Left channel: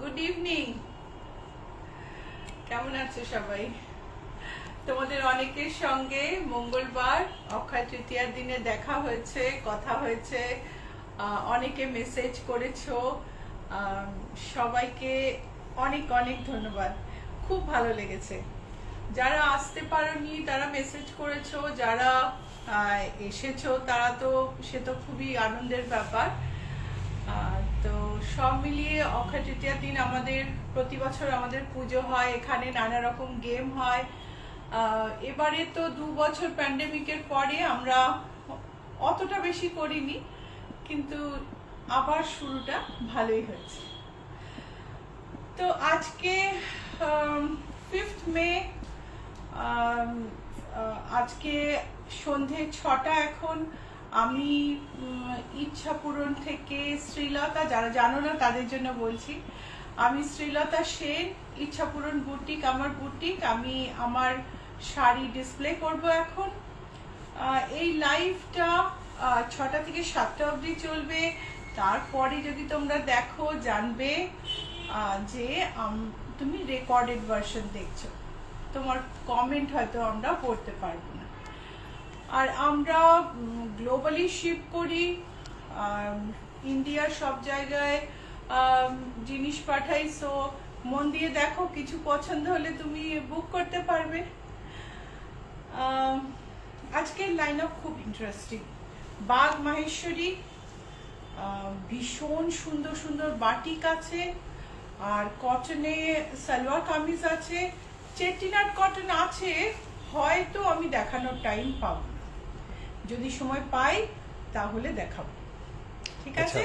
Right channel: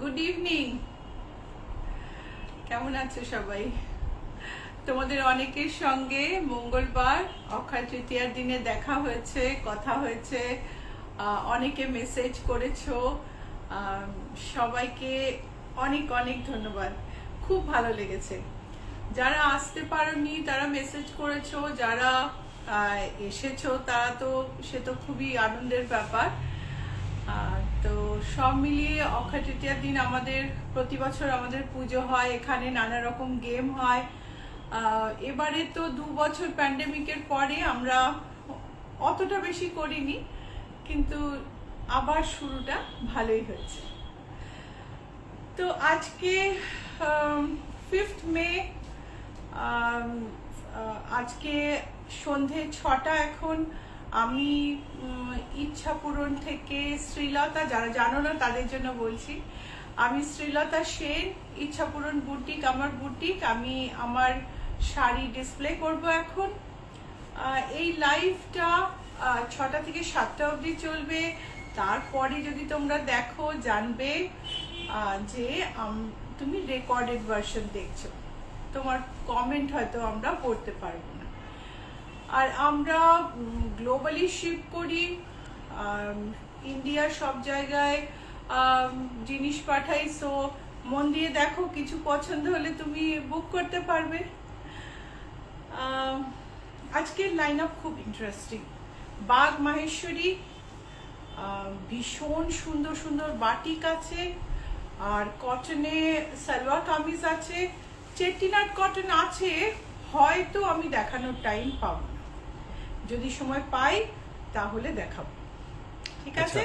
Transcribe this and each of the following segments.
Good evening. কেমন আছো সবাই? তোমাদের অনেকের সঙ্গে মঙ্গলবার অক্ষয় তৃতীয়ার দিনে দেখা হয়েছে, কথা হয়েছে, অনেকে মেসেজ করেছো। সবাইকে অনেক অনেক ধন্যবাদ, খুব ভালো লেগেছে। যারা আসতে পারোনি তারা মেসেজ করেছো, যারা এসেছো তারা তো সে তো খুবই আনন্দের ব্যাপার। তো সব মিলিয়ে অক্ষয় তৃতীয়ার দিন আমাদের প্রতি বছর আমাদের পুজো হয়, এখানে নানা রকম গেম হয়। এবারে তো 2 বছর প্যান্ডেমিকের পরে আমরা অতটা বেশি করিনি, কিন্তু আবার শুরুটা ভালোই হয়েছে। তো আজকে 5th মে, আজকে সন্ধে 6টা। এখন আমি ইচ্ছাপূরণ থেকে শ্রীলতা, যারা জানো না তাদের জন্য বলছি, আমি শ্রীলতা সেন, ইচ্ছাপূরণ বুটিক আমার বুটিক। আমি আমার শাড়ি ডিসপ্লে করব এখন। এই লাইভটা 6টা থেকে 7টা অবধি চলবে। তারপরে যদি তোমরা দেখো জানবে যে তুমি রেকর্ডেড ভার্সন দেখছো, তোমার কমেন্ট হয়তো আমরা পড়তে পারবো না। আর আমরা গ্লোবালি শিপ করি, ইন্ডিয়ার সব জায়গায় জিনিস পাঠাই। সো মন দিয়ে দেখো, কিছু পছন্দ হলে তুমি বুক করতে পারবে। আজকের লাইন আপ খুব ইন্টারেস্টিং। বাগ মাহেশ্বরী, ভীষণ সুন্দর সুন্দর বাটিক আছে, আর কটনে সালোয়ার কামিজ আছে, চেটিনাট কটন আছে। হয়তো আমি দেখানোর টাইম পাবো না, যদি সময় পাই তাহলে দেখাবো, ঠিক আছে?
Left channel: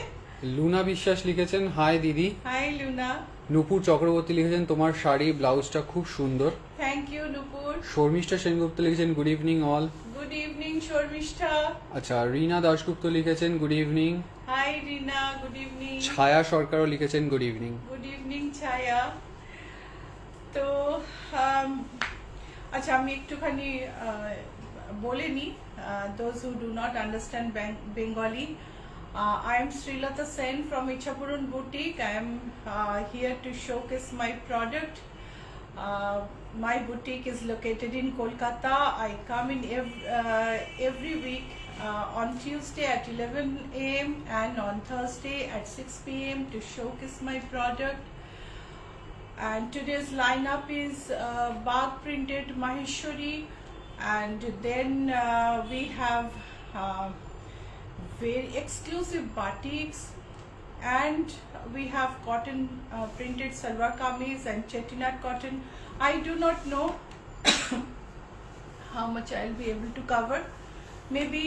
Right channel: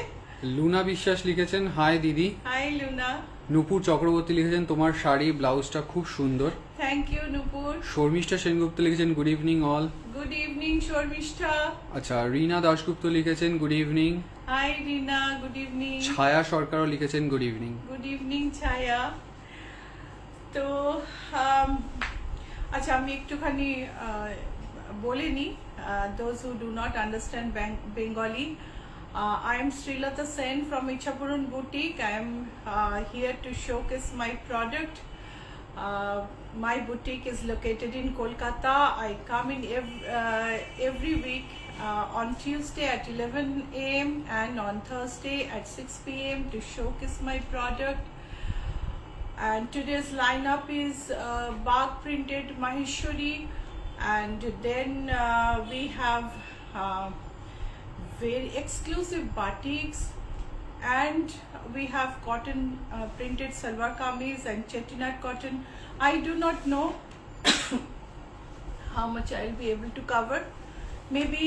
লুনা বিশ্বাস লিখেছেন, হাই দিদি। High Luna. নুপুর চক্রবর্তী লিখেছেন, তোমার শাড়ি ব্লাউজটা খুব সুন্দর। Thank you Nupur. শর্মিষ্ঠা সেনগুপ্ত লিখেছেন, good evening all. Good evening Sharmishtha. আচ্ছা, রিনা দাশগুপ্ত লিখেছেন, good evening. Hi Rina, good evening. Chhaya সরকারও লিখেছেন, গুড ইভিনিং। গুড ইভিনিং ছায়া। তো আচ্ছা, আমি একটুখানি বলে নি, those who do not understand Bengali, I am Srilata Sen from Ichhapuran Boutique. I am here to showcase my product. My boutique is located in Kolkata. I come in every week on Tuesday at 11 a.m. and on Thursday at 6 p.m. to showcase my product. And today's lineup is Bag printed Maheshwari, and then we have very exclusive batiks, and we have cotton printed salwar kameez and chettinad cotton. I do not know how much I'll be able to cover. Maybe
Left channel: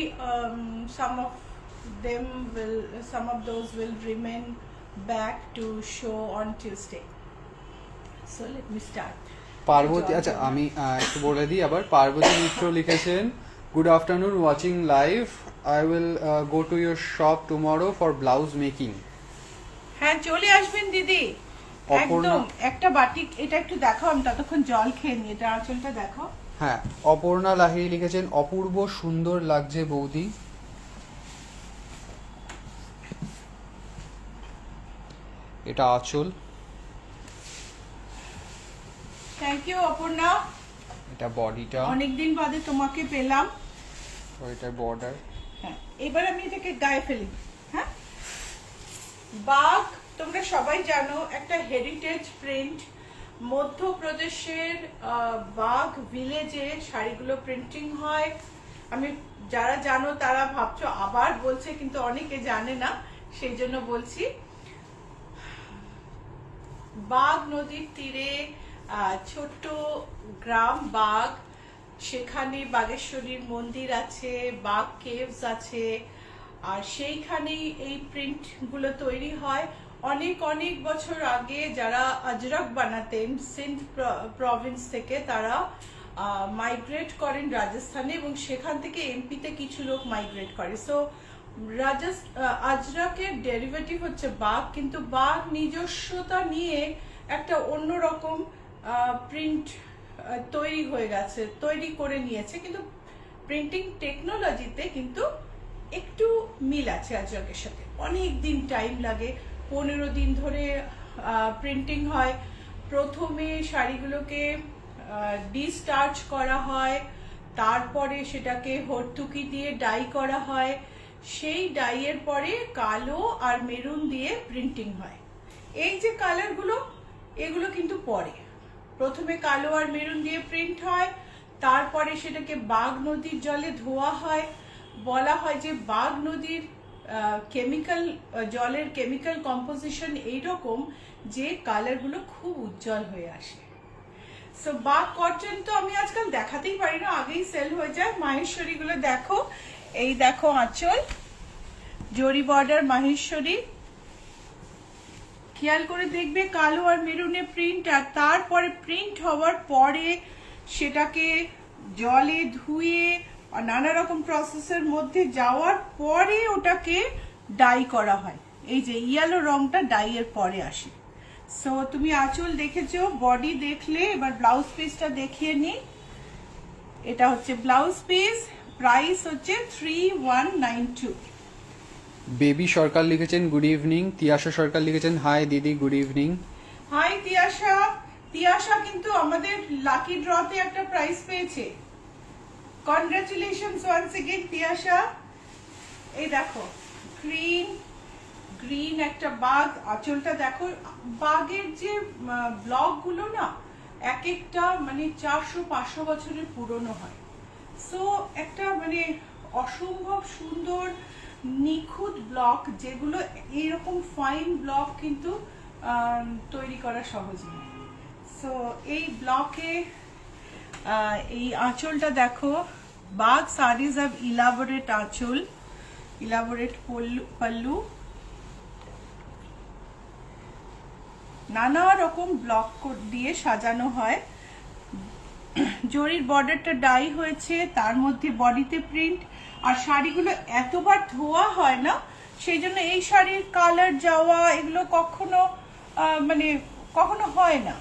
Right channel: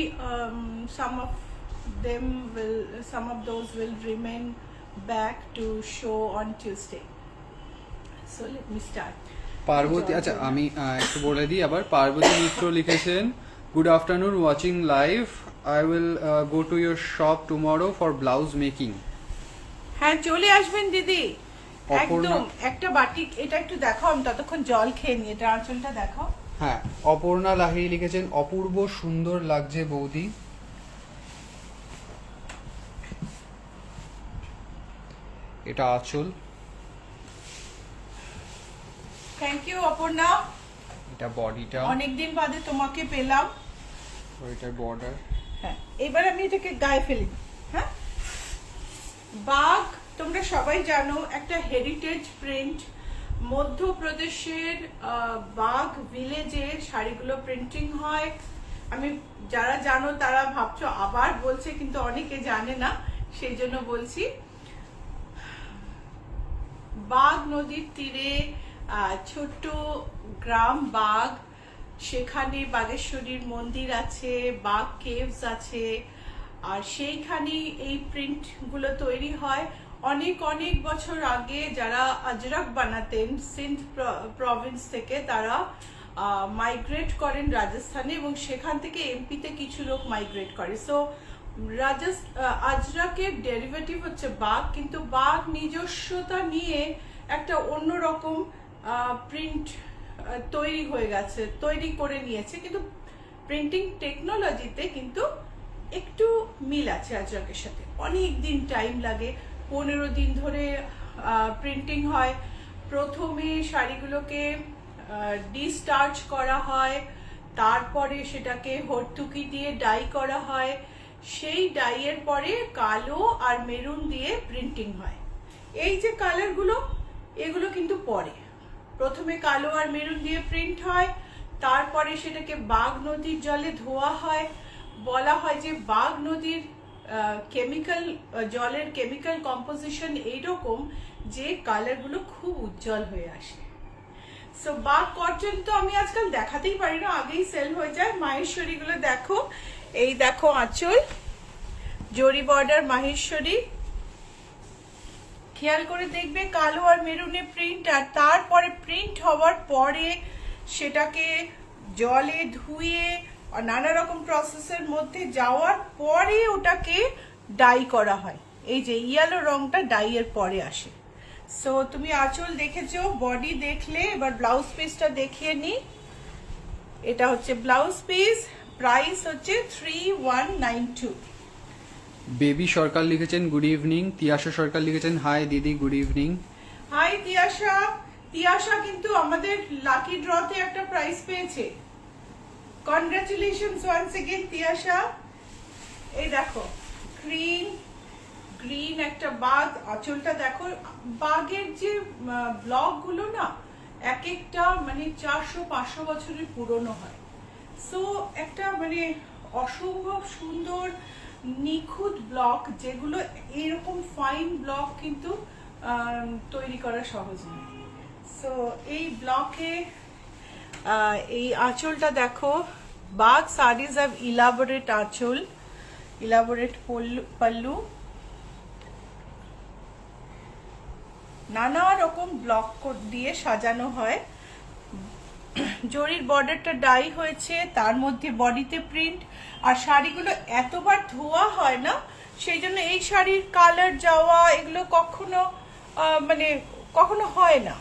some of those will remain back to show on Tuesday. So let me start. Parvati, আচ্ছা আমি একটু বলে দিই আবার। পার্বতী মিত্র লিখেছেন, good afternoon, watching live. I will go to your shop tomorrow for blouse making. হ্যাঁ, চলে আসবেন দিদি। একদম একটা বাটিক, এটা একটু দেখাও, আমি ততক্ষণ জল খেয়ে নিই। এটা আঁচলটা দেখো। হ্যাঁ, অপর্ণা লাহিড়ী লিখেছেন, অপূর্ব সুন্দর লাগছে বৌদি। এটা আঁচল। Thank you Aparna. এটা বডিটা, অনেকদিন বাদে তোমাকে পেলাম। এটা বর্ডার। হ্যাঁ, এবার আমি এটাকে গায়ে ফেলে দিই। হ্যাঁ, বাগ তোমরা সবাই জানো, একটা হেরিটেজ প্রিন্ট। মধ্যপ্রদেশের বাগ ভিলেজে শাড়িগুলো প্রিন্টিং হয়। আমি, যারা জানো তারা ভাবছো আবার বলছে, কিন্তু অনেকে জানে না, সেই জন্য বলছি। বাগ নদীর তীরে ছোট্ট গ্রাম বাগ, সেখানে বাগেশ্বরীর মন্দির আছে, বাগ কেভস আছে, আর সেইখানেই এই প্রিন্ট গুলো তৈরি হয়। অনেক অনেক বছর আগে যারা আজরাক বানাতেন সিন্ধ প্রভিন্স থেকে, তারা মাইগ্রেট করেন রাজস্থানে, এবং সেখান থেকে এমপিতে কিছু লোক মাইগ্রেট করে। সো আজরাকের ডেরিভেটিভ হচ্ছে বাগ, কিন্তু বাগ নিজস্বতা নিয়ে একটা অন্যরকম প্রিন্ট তৈরি করে নিয়েছে, কিন্তু প্রিন্টিং টেকনোলজিতে কিন্তু একটু মিল আছে আজরাকের সাথে। অনেক দিন টাইম লাগে, 15 দিন ধরে প্রিন্টিং হয়। প্রথমে শাড়িগুলোকে ডিস্টার্চ করা হয়, তারপরে সেটাকে হরতুকি দিয়ে ডাই করা হয়, সেই ডাইয়ের পরে কালো আর মেরুন দিয়ে প্রিন্টিং হয়। এই যে কালারগুলো, এগুলো কিন্তু পরে, প্রথমে কালো আর মেরুন দিয়ে প্রিন্ট হয়, তারপরে সেটাকে বাঘ নদীর জলে ধোয়া হয়। বলা হয় যে বাঘ নদীর কেমিক্যাল, জলের কেমিক্যাল কম্পোজিশন এইরকম যে কালারগুলো খুব উজ্জ্বল হয়ে আসে। সো বাঘ কটন তো আমি আজকাল দেখাতেই পারি না, আগেই সেল হয়ে যায়। মাহেশ্বরী গুলো দেখো, এই দেখো আঁচল, জরি বর্ডার মাহেশ্বরী, খেয়াল করে দেখবে কালো আর মেরুনে প্রিন্ট, আর তারপরে প্রিন্ট হওয়ার পরে সেটাকে জলে ধুয়ে নানা রকম প্রসেসের মধ্যে যাওয়ার পরে ওটাকে ডাই করা হয়। এই যে ইয়েলো রংটা ডাই এর পরে আসে। সো তুমি আঁচল দেখেছো, বডি দেখলে, এবার ব্লাউজ পিসটা দেখিয়ে নি। এটা হচ্ছে ব্লাউজ পিস, প্রাইস হচ্ছে 3192। বেবি সরকার লিখেছেন গুড ইভিনিং। তিয়াশা সরকার লিখেছেন হাই দিদি, good evening. Hi Tiyasha. Tiyasha কিন্তু আমাদের লাকি ড্রতে একটা প্রাইজ পেয়েছে, কনগ্রাচুলেশনস ওয়ান্স এগেইন তিয়াশা। এই দেখো গ্রিন একটা বাঘ, আঁচলটা দেখো। বাঘের যে ব্লক গুলো না, এক একটা মানে 400-500 বছরের পুরনো হয়। সো একটা মানে অসম্ভব সুন্দর নিখুঁত ব্লক, যেগুলো এইরকম ফাইন ব্লক কিন্তু তৈরি করা সহজ নয়। সো এই ব্লকে এই আঁচলটা দেখো, বাঘ সারিজ অফ ইলাবোরেট আঁচল, ইলাবোরেট পাল্লু, নানা রকম ব্লক দিয়ে সাজানো হয়। জরির বর্ডারটা ডাই হয়েছে, তার মধ্যে বডিতে প্রিন্ট, আর শাড়িগুলো এতবার ধোয়া হয় না, সেই জন্য এই শাড়ির কালার যাওয়া এগুলো কখনো মানে কখনো হয় না।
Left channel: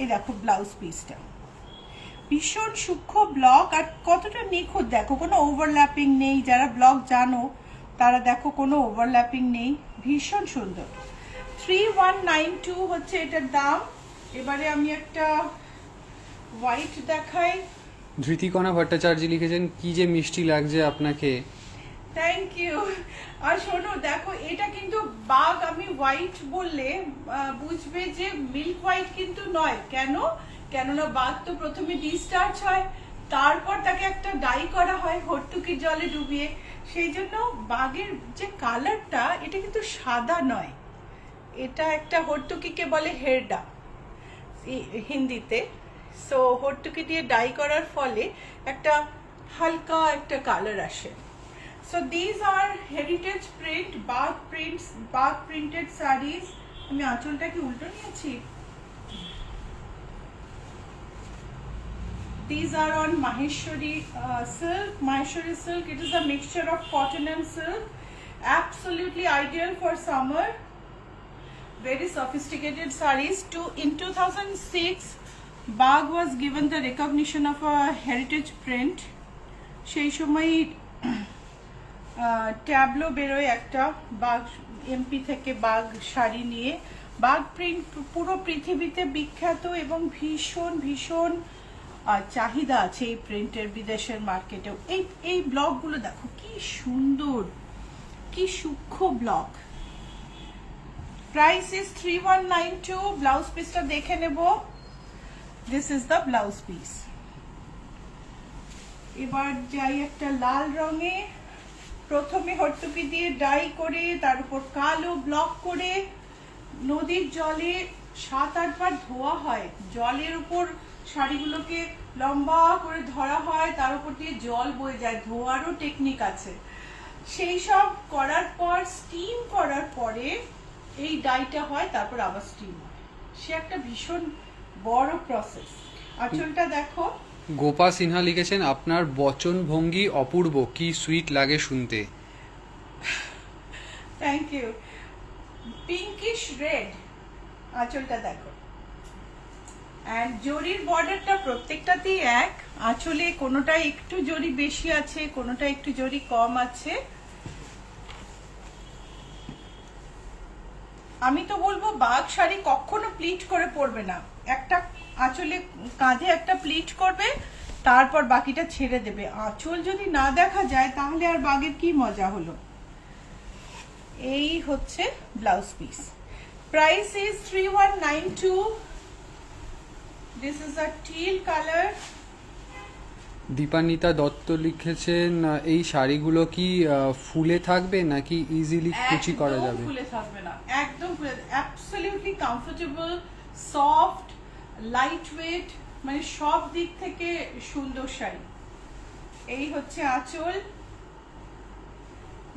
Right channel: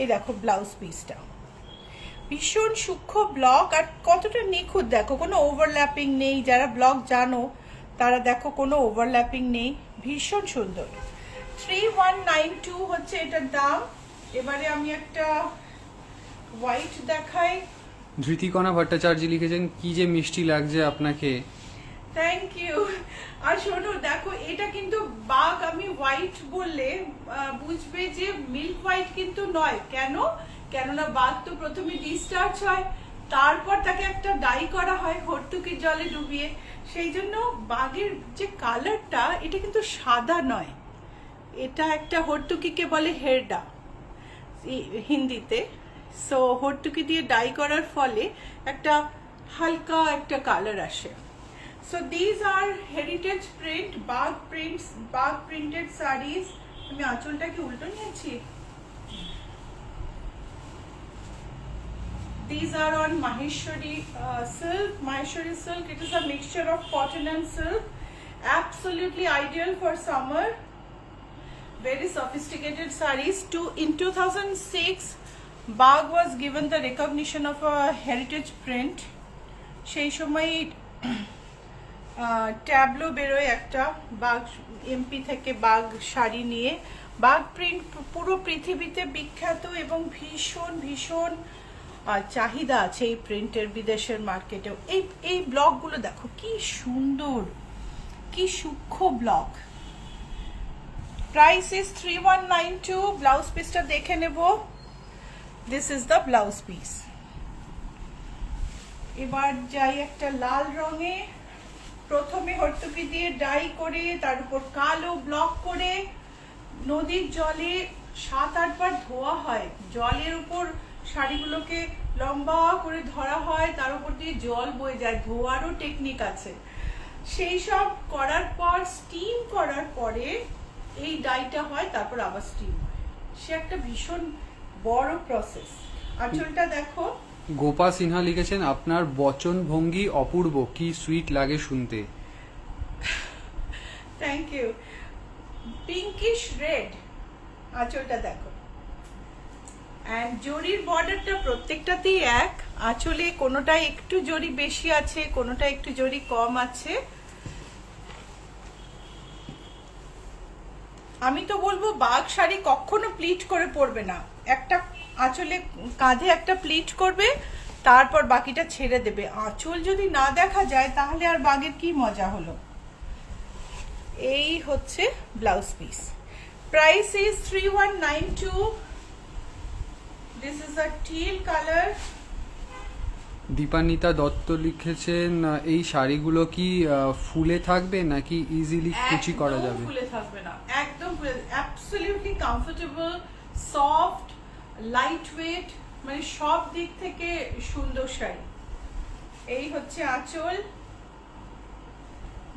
এই দেখো ব্লাউজ পিসটা ভীষণ সূক্ষ্ম ব্লক, আর কতটা নিখুঁত দেখো, কোনো ওভারল্যাপিং নেই। যারা ব্লক জানো তারা দেখো কোনো ওভারল্যাপিং নেই, ভীষণ সুন্দর। 3192 হচ্ছে এটার দাম। এবারে আমি একটা হোয়াইট দেখাই। ধৃতিকণা ভট্টাচার্য লিখেছেন কি যে মিষ্টি লাগছে আপনাকে। Thank you. আর শোনো দেখো, এটা কিন্তু বাঘ, আমি হোয়াইট বললে বুঝবে যে মিল্ক হোয়াইট কিন্তু নয়। কেননা বাঘ তো প্রথমে ডিস্টার্চ হয়, তারপর তাকে একটা ডাই করা হয় হরতুকির জলে ডুবিয়ে। সেই জন্য বাঘের যে কালারটা, এটা কিন্তু সাদা নয়, এটা একটা হরতুকিকে বলে হেরডা হিন্দিতে। সো হরতুকি দিয়ে ডাই করার ফলে একটা হালকা একটা কালার আসে। So these are heritage print, বাঘ প্রিন্টস, বাঘ প্রিন্টেড শাড়িজ। আমি আঁচলটা কি উল্টো নিয়েছি? These are on Maheshwari silk. Maheshwari silk, it is a mixture of cotton and silk. Absolutely ideal for summer. Very sophisticated sarees. In 2006, Bagh was given the recognition of a heritage print. সেই সময় tableau বেরোয় একটা, বাঘ MP থেকে বাঘ শাড়ি নিয়ে। বাঘ print পুরো পৃথিবীতে বিখ্যাত এবং ভীষণ ভীষণ চাহিদা আছে এই প্রিন্টের বিদেশের মার্কেটেও। এই ব্লকগুলো দেখো কি সুন্দর, কি সূক্ষ্ম ব্লক। Price is 3192। ব্লাউজ পিসটা দেখে নেব। This is the blouse piece. এবার যাই একটা লাল রঙে, প্রথমে হরতুকি দিয়ে ডাই করে, তার উপর কালো ব্লক করে নদীর জলে 7-8 বার ধোয়া হয়। জলের উপর শাড়িগুলোকে লম্বা করে ধরা হয়, তার উপর দিয়ে জল বয়ে যায়, ধোয়ারও টেকনিক আছে। সেই সব করার পর স্টিম করার পরে এই ডাইটা হয়, তারপর আবার স্টিম হয়। সে একটা ভীষণ বড় প্রসেস। আঁচলটা দেখো। গোপা সিনহা লিখেছেন আপনার বচন ভঙ্গি অপূর্ব, কি সুইট লাগে শুনতে। Thank you. পিঙ্কিশ রেড আঁচলটা দেখো, এন্ড জরির বর্ডারটা প্রত্যেকটাতেই এক। আঁচলে কোনোটা একটু জরি বেশি আছে, কোনোটা একটু জরি কম আছে। আমি তো বলবো বাগ শাড়ি কখনো প্লিট করে পরবে না, একটা আঁচলে কাঁধে একটা প্লিট করবে, তারপর বাকিটা ছেড়ে দেবে। আঁচল যদি না দেখা যায় তাহলে আর বাগের কি মজা হলো। এই হচ্ছে blouse piece. Price is 3192। This is a till colour. Dipanwita Dutta লিখেছেন এই শাড়িগুলো কি ফুলে থাকবে নাকি ইজিলি কুচি করা যাবে? ফুলে থাকবে না, একদম ফুলে, absolutely comfortable, soft, light weight, মানে সব দিক থেকে সুন্দর শাড়ি। এই হচ্ছে আঁচল।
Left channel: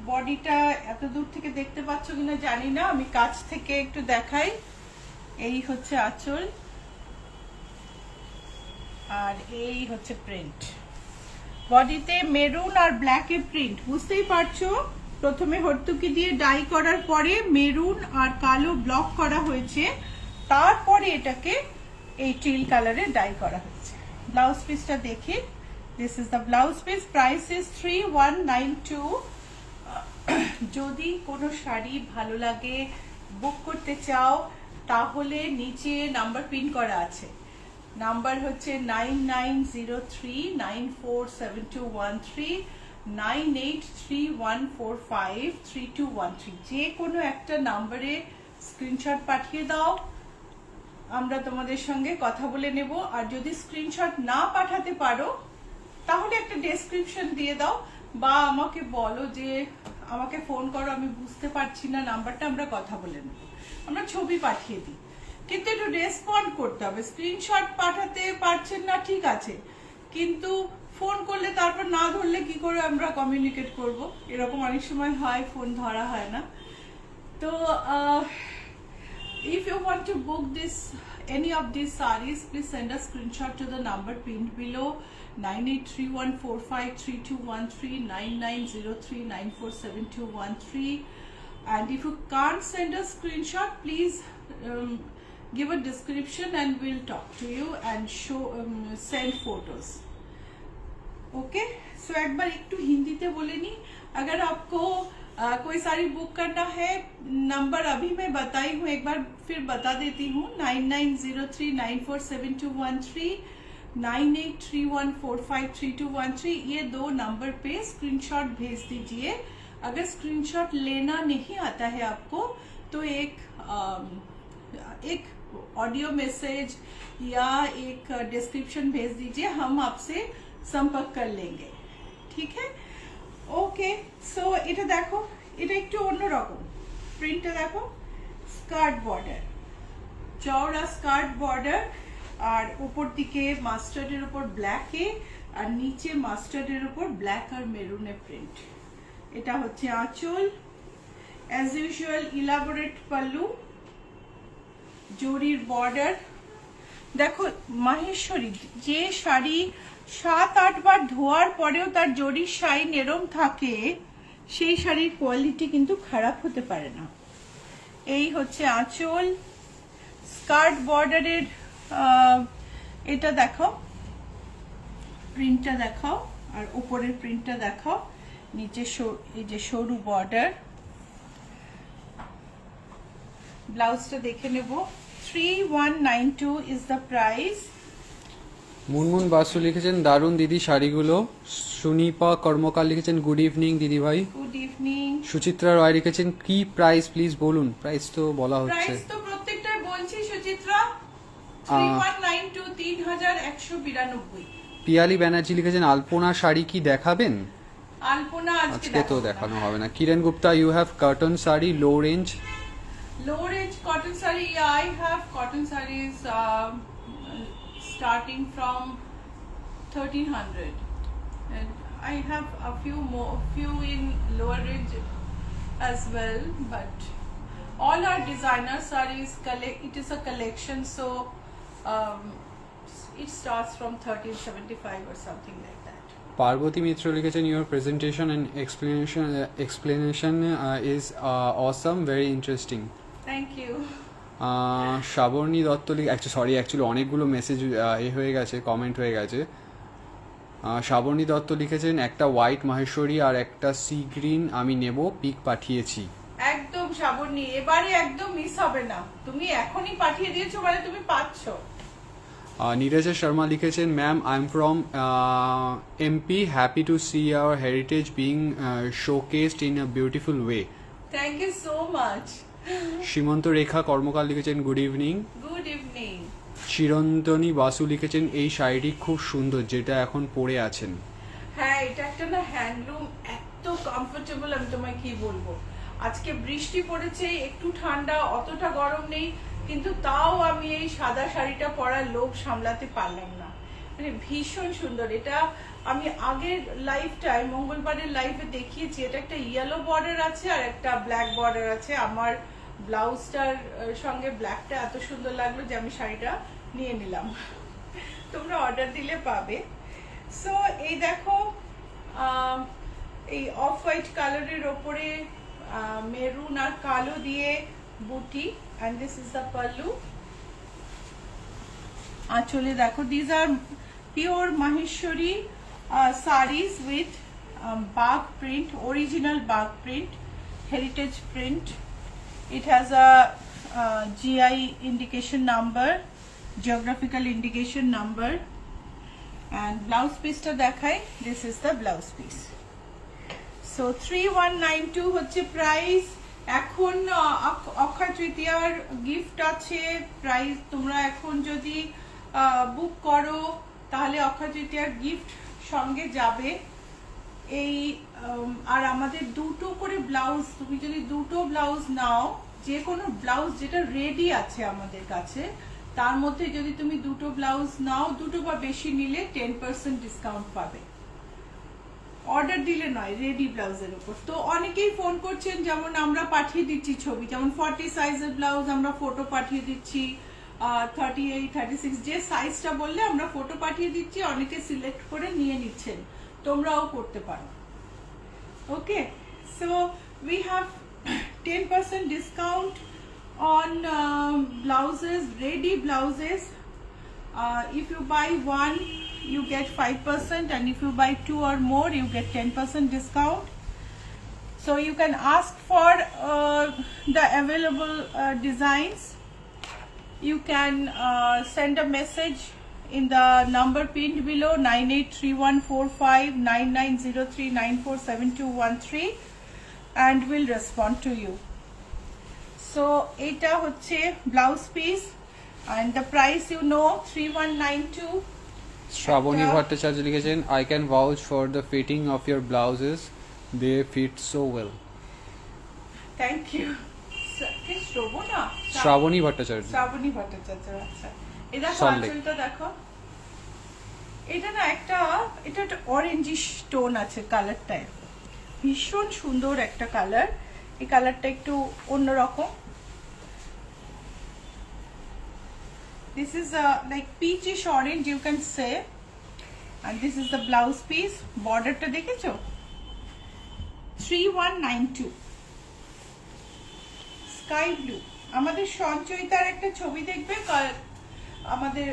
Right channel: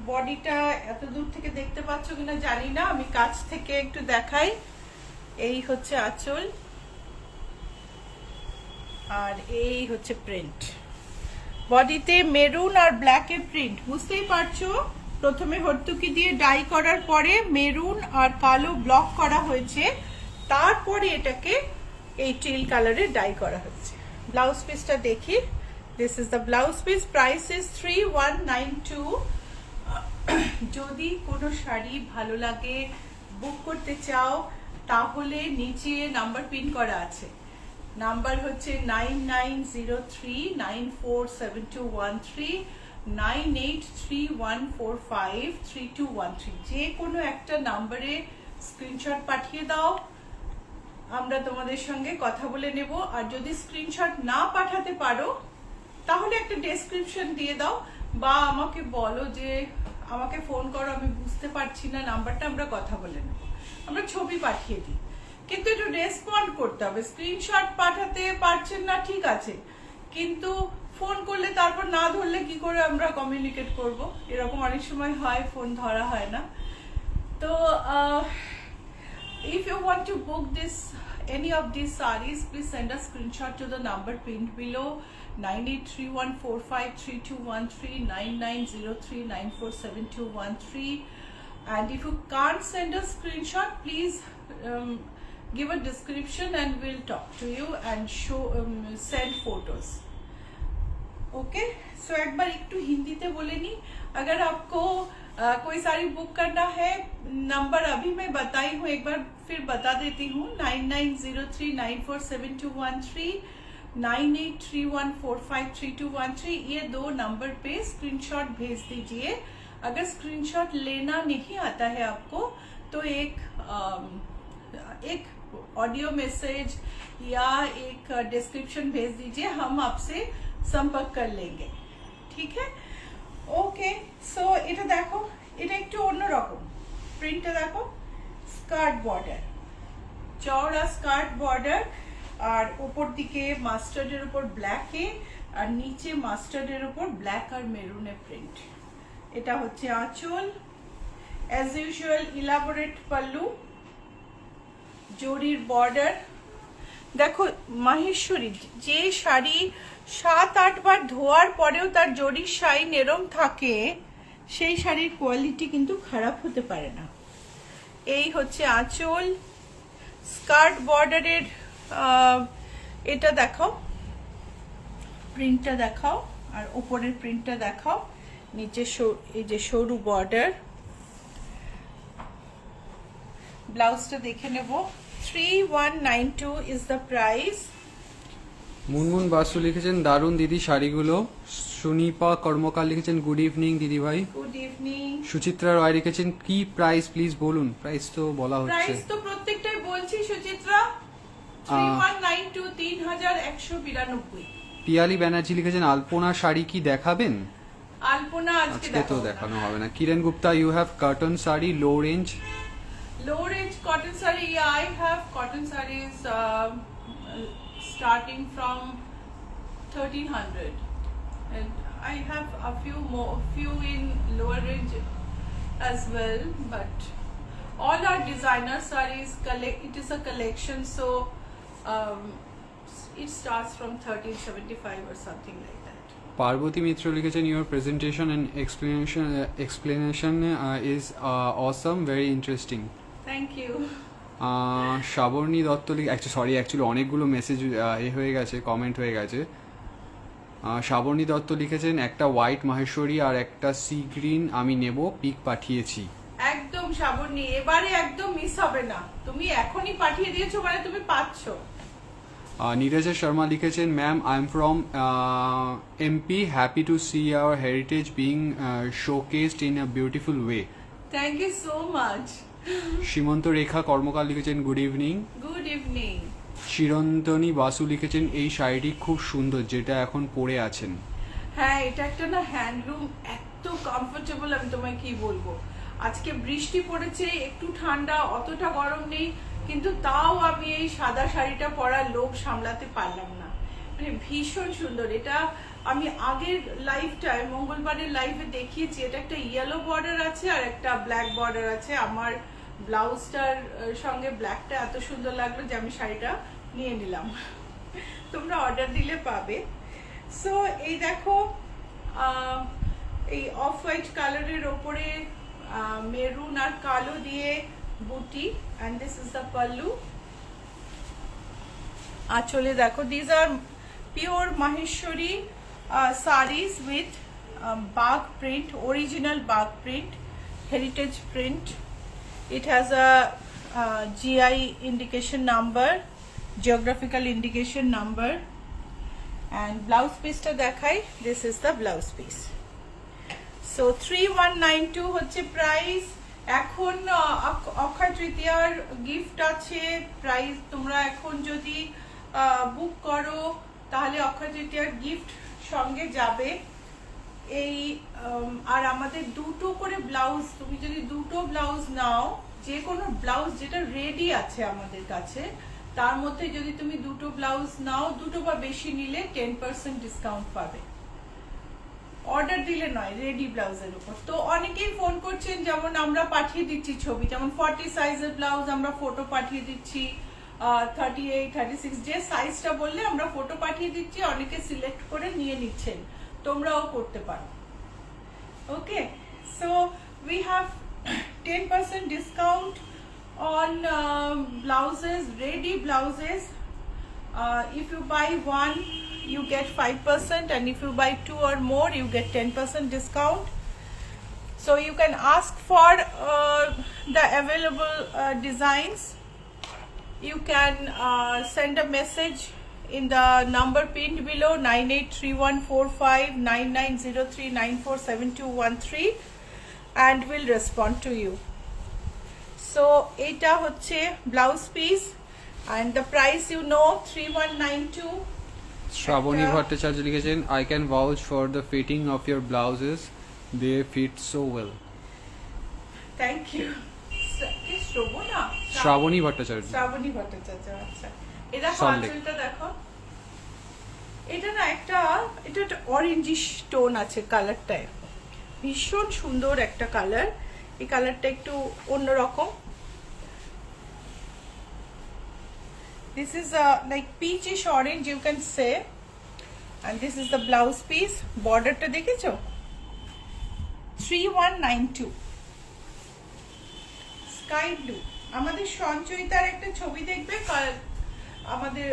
বডিটা এত দূর থেকে দেখতে পাচ্ছ কিনা জানি না, আমি কাছ থেকে একটু দেখাই। এই হচ্ছে আঁচল, আর এই হচ্ছে প্রিন্ট। বডিতে মেরুন আর ব্ল্যাক এর প্রিন্ট, বুঝতেই পারছো। প্রথমে হর্তুকি দিয়ে ডাই করার পরে মেরুন আর কালো ব্লক করা হয়েছে, তারপরে এটাকে এই টিল কালারে ডাই করা হয়েছে। ব্লাউজ পিসটা দেখি। This is the blouse piece. Price is 3192। যদি কোনো শাড়ি ভালো লাগে, বুক করতে চাও, তাহলে নিচে নাম্বার পিন করা আছে। নাম্বার হচ্ছে 9903947213, 9831453213। যে কোনো একটা নাম্বারে স্ক্রিনশট পাঠিয়ে দাও, আমরা তোমাদের সঙ্গে কথা বলে নেব। আর যদি স্ক্রিনশট না পাঠাতে পারো তাহলে একটা ডেসক্রিপশন দিয়ে দাও, বা আমাকে বলো যে আমাকে ফোন করো, আমি বুঝতে পারছি না নাম্বারটা, আমরা কথা বলে নেব। আমরা ছবি পাঠিয়ে দিই, কিন্তু একটু রেসপন্ড করতে হবে। স্ক্রিনশট পাঠাতে পারছেন না ঠিক আছে, কিন্তু ফোন করলে তারপর না ধরলে কি করে আমরা কমিউনিকেট করব? এরকম অনেক সময় হয়, ফোন ধরা হয় না। তো if you want to book any of these sarees, please send a screenshot to the number pinned below, 9831453213, 9903947213. And if you can't send a screenshot, please give a description and we'll talk to you and send photos. Okay, so एक बार एकटू हिंदी ते बोले नहीं। अगर आपको कोई sari book करना है, नंबर अभी मैं बताई हूँ, एक बार फिर बता देती हूँ, 9903947213, 9831453213। ये दो नंबर पे स्क्रीनशॉट भेज दीजिए। अगर स्क्रीनशॉट लेना नहीं आता है आपको तो एक ऑडियो मैसेज या एक डिस्क्रिप्शन भेज दीजिए, हम आपसे संपर्क कर लेंगे। ठीक है, ওকে। সো এটা দেখো, এটা একটু অন্যরকম। প্রিন্টটা দেখো, স্কার্ট বর্ডার, চওড়া স্কার্ট বর্ডার, আর উপর দিকে মাস্টার্ডের উপর ব্ল্যাকে, আর নিচে মাস্টার্ডের উপর ব্ল্যাক আর মেরুনের প্রিন্ট। এটা হচ্ছে আঁচল। অ্যাজ ইউজুয়াল ইলাবোরেট পাল্লু, জরির বর্ডার। দেখো মাহেশ্বরী, যে শাড়ি 7-8 বার ধোয়ার পরেও তার জরির শাইন এরম থাকে, সেই শাড়ির কোয়ালিটি কিন্তু খারাপ হতে পারে না। এই হচ্ছে আঁচল। স্কার্ট বর্ডারের এটা দেখাও, প্রিন্টটা দেখাও, আর উপরের প্রিন্টটা দেখাও। নিচে এই যে সরু বর্ডার। ব্লাউজটা দেখে নেব। 3192 is the price. Munmun Basu লিখেছেন দারুণ দিদি শাড়িগুলো। সুনিপা কর্মকার লিখেছেন গুড ইভিনিং দিদি ভাই। Good evening. সুচিত্রা রয় লিখেছেন কি প্রাইস প্লিজ বলুন। প্রাইস তো বলা হচ্ছে, প্রাইস তো প্রত্যেকটাই বলছি সুচিত্রা। 3192, 3192। পিয়ালি ব্যানার্জি লিখেছেন আলপনা শাড়ি কি দেখাবেন? আলপনা আজকে তো দেখানো হবে না। Kiran Gupta you have cotton sari low range. Low range cotton saree, yeah, I have cotton sarees starting from 1300, and I have a few in lower range as well, but all our designer sarees it is a collection, so it starts from 1375 or something like that. Parvati Mitra লিখেছেন your presentation and explanation is awesome, very interesting. Thank you. Shrabani Dutta actually অনেকগুলো message হয়ে গেছে, comment হয়ে গেছে। শ্রাবণী দত্ত লিখেছেন একটা white Maheshwari আর একটা sea green আমি নেব, পিক পাঠিয়েছি। একদম শ্রাবণী, এবারে একদম মিস হবে না। তুমি এখনই পাঠিয়ে দিয়েছো মানে তুমি পাচ্ছো। নীরজা শর্মা লিখেছেন, ma'am I am from MP, happy to see our heritage being showcased in a beautiful way. Thank you so much. Simanta Rekha Karmakar লিখেছেন, good evening. Good evening. Chirantani Basu লিখেছেন, এই শাড়িটি খুব সুন্দর যেটা এখন পরে আছেন। হ্যাঁ, এটা একটা না হ্যান্ডলুম, এত কমফোর্টেবল, আমি তোমায় কি বলবো। আজকে বৃষ্টি পড়েছে, একটু ঠান্ডা, অতটা গরম নেই, কিন্তু তাও আমি এই সাদা শাড়িটা পরার লোভ সামলাতে পারলাম না। মানে ভীষণ সুন্দর। এটা আমি আগের লাইভটায়, মঙ্গলবারের লাইভে দেখিয়েছি। এটা একটা ইয়েলো বর্ডার আছে আর একটা ব্ল্যাক বর্ডার আছে। আমার ব্লাউজটার সঙ্গে ব্ল্যাকটা এত সুন্দর লাগলো যে আমি শাড়িটা নিয়ে নিলাম। তোমরা অর্ডার দিলে পাবে। সো এই দেখো, এই অফ হোয়াইট কালারের ওপরে মেরুন আর কালো দিয়ে বুটি, and this is the pallu. আঁচলে দেখো, these are pure Maheshwari sarees with bag print, original bag print, heritage print. It has a GI indication number, geographical indication number, and blouse piece টা দেখাই, this is the blouse piece. So 3192 হচ্ছে price. এখন অক্ষয় তৃতীয়ার gift আছে, price তোমরা এখন যদি বুক করো তাহলে অক্ষয় তৃতীয়ার গিফট সঙ্গে যাবে। এই আর আমাদের দুটো করে ব্লাউজ, তুমি যদি দুটো ব্লাউজ নাও, যে কোনো ব্লাউজ যেটা রেডি আছে আমাদের কাছে, তার মধ্যে যদি তুমি দুটো ব্লাউজ নাও, দুটো বা বেশি নিলে 10% ডিসকাউন্ট পাবে। অর্ডার দিলে নয়, রেডি ব্লাউজের উপর। তো অনেকেই ফোন করছেন, যেমন আমরা পাঠিয়ে দিচ্ছি ছবি, যেমন 40 সাইজের ব্লাউজ আমরা ফটো পাঠিয়ে দিচ্ছি, 38, 36 যে সাইজটা বললে আমরা ফটো পাঠিয়ে দিচ্ছি, অনেকে সিলেক্ট করে নিয়ে নিচ্ছেন, তোমরাও করতে পারো। Okay, so we have 10% discount on blouses, ready blouses. If you buy one, you get 5%, and if you buy two or more, you get 10% discount. So you can ask for the available designs. You can send a message in the number pinned below, 9831459903947213, and we'll respond to you. So এটা হচ্ছে blouse piece, and the price you know 3192. Shrabani Bhattacharya লিখেছেন, I can vouch for the fitting of your blouses, they fit so well. Thank you. Shrabani Bhattacharya. Shrabani Bhattacharya, আচ্ছা। এটা আঁচলটা দেখো, এটা না একটা, এটা একটা অরেঞ্জিশ টোন আছে কালারটায়, ভীষণ সুন্দর একটা কালার। এই কালারটা একটু অন্যরকম। This is like peachish orange, you can say, and this is the blouse piece. Border টা দেখেছো? 3192 sky blue. আমাদের সঞ্চয়িতার একটা ছবি দেখবে, আমাদের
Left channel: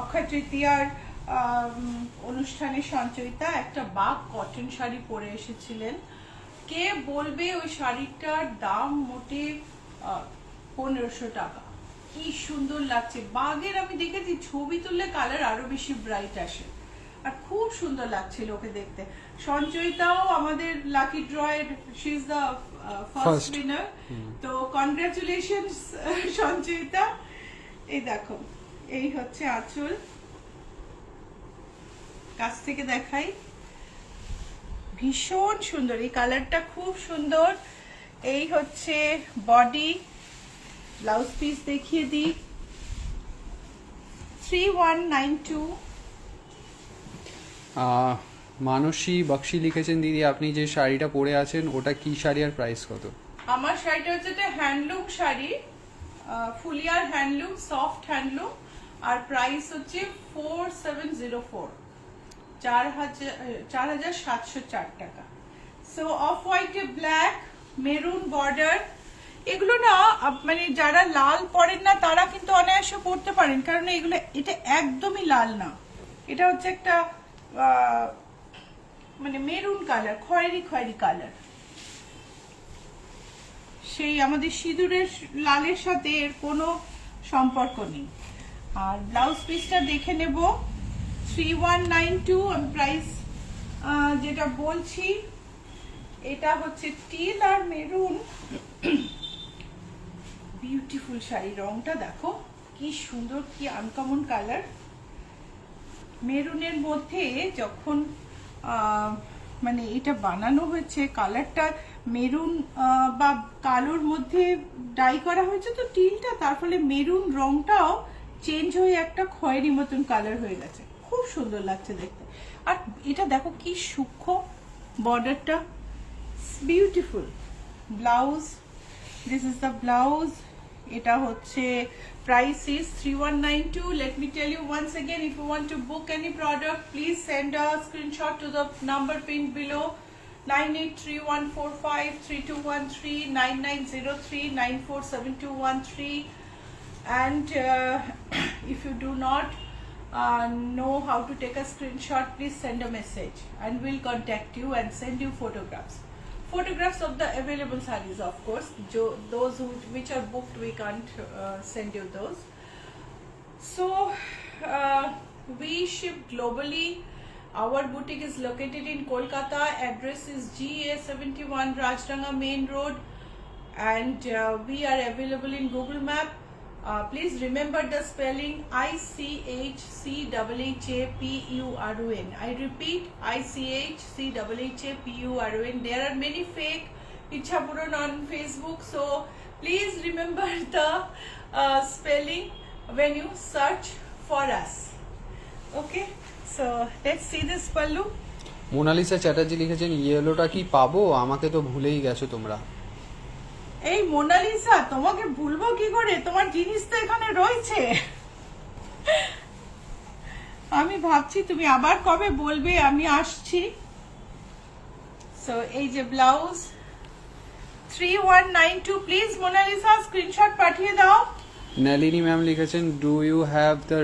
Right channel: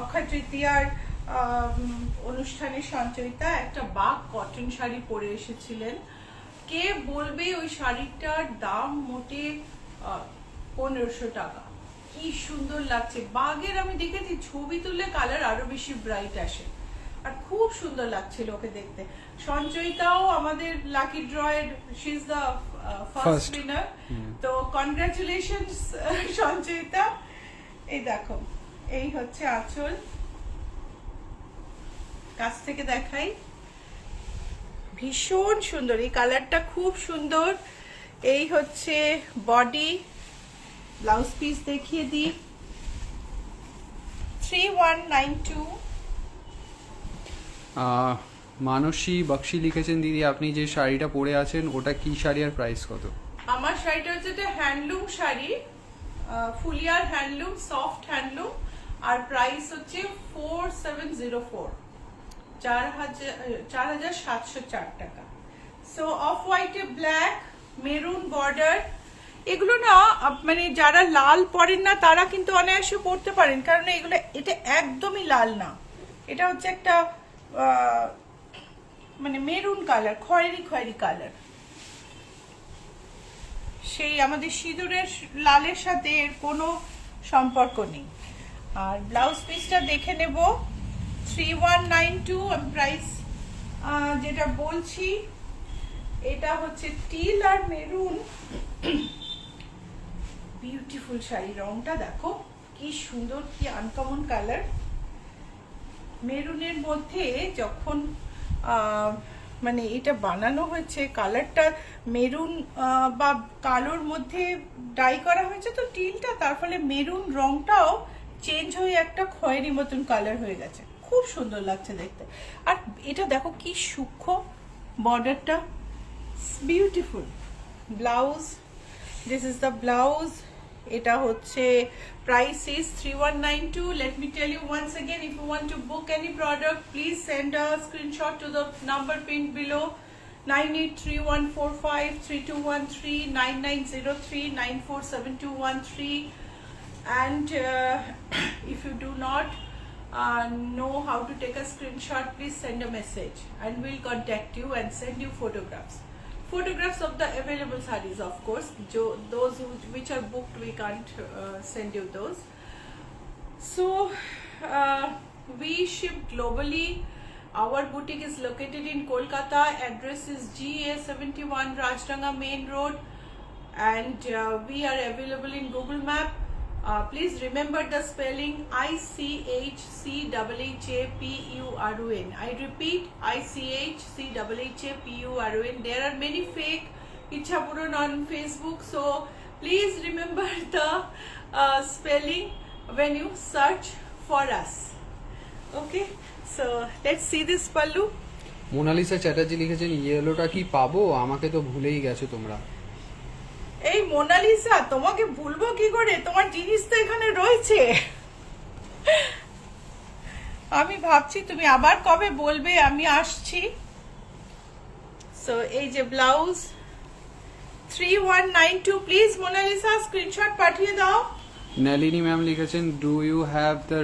অক্ষয় তৃতীয়ার অনুষ্ঠানে সঞ্চয়িতা একটা বাগ কটন শাড়ি পরে এসেছিলেন। কে বলবে ওই শাড়িটার দাম মোটে 1500 টাকা। কি সুন্দর লাগছে, বাগের আমি দেখেছি ছবি তুললে কালার আরো বেশি ব্রাইট আসে, আর খুব সুন্দর লাগছিল ওকে দেখতে। সঞ্চয়িতাও আমাদের লাকি ড্রয়ের, she is the first winner. তো কনগ্রাচুলেশনস সঞ্চয়িতা। এই দেখো, এই হচ্ছে আঁচল, কাছ থেকে দেখাই, ভীষণ সুন্দর, এই কালারটা খুব সুন্দর। এই হচ্ছে বডি, ব্লাউজ পিস দেখিয়ে দিই, 3192। মানসী বক্সি লিখেছেন, দিদি আপনি যে শাড়িটা পরে আছেন ওটা কি শাড়ি আর প্রাইস কত? আমার শাড়িটা হচ্ছে একটা হ্যান্ডলুম শাড়ি, ফুলিয়ার হ্যান্ডলুম, সফট হ্যান্ডলুম, আর প্রাইস হচ্ছে 4704, 4704 টাকা। So off white, black, maroon border, এগুলো না মানে যারা লাল পরেন না তারা কিন্তু অনায়াসে পরতে পারেন, কারণ এগুলো, এটা একদমই লাল না, এটা হচ্ছে একটা মানে মেরুন কালার, খয়েরি খয়েরি কালার। সেই আমাদের সিঁদুরের লালের সাথে এর কোনো সম্পর্ক নেই। আর ব্লাউজ পিসটা দেখে নেব 3192 আমি প্রাইস যেটা বলছি, এটা হচ্ছে টিল আর মেরুন। বিউটিফুল শাড়ি, রংটা দেখো কি সুন্দর, কি আনকমন কালার। মেরুনের মধ্যে যখন মানে এটা বানানো হয়েছে, কালারটা মেরুন বা কালোর মধ্যে ডাই করা হয়েছে তো টিলটা, তার ফলে মেরুন রংটাও চেঞ্জ হয়ে একটা খয়েরি মতন কালার হয়ে গেছে, খুব সুন্দর লাগছে দেখতে। আর এটা দেখো কি সূক্ষ্ম বর্ডারটা, beautiful. Blouse, this is the blouse. এটা হচ্ছে price is 3192. Let me tell you once again, if you want to book any product, please send a screenshot to the number pinned below 9831453213 9903 947213. And if you do not know how to take a screenshot, please send a message and we'll contact you and send you photographs of the available sarees, of course. Those which are booked, we can't send you those. So we ship globally. Our boutique is located in Kolkata. Address is GA71 Rajranga Main Road, and we are available in Google Map. Please remember the spelling ICHCHHAPURON. I repeat, ICHCHHAPURON. There are many fake Ichhapuran on Facebook, so please remember the spelling when you search for us. Okay, so let's see this pallu. Monalisa Chatterjee লিখেছেন ইয়েলোটা কি পাবো? আমাকে তো ভুলেই গেছো তোমরা। এই মোনালিসা, তোমাকে ভুলবো কি করে? তোমার জিনিস তো এখানে রয়েছে। আমি ভাবছি তুমি আবার কবে বলবে, আমি আসছি। সো এই যে ব্লাউজ 3192, প্লিজ মোনালিসা স্ক্রিনশট পাঠিয়ে দাও। নলিনী ম্যাম লিখেছেন do you have the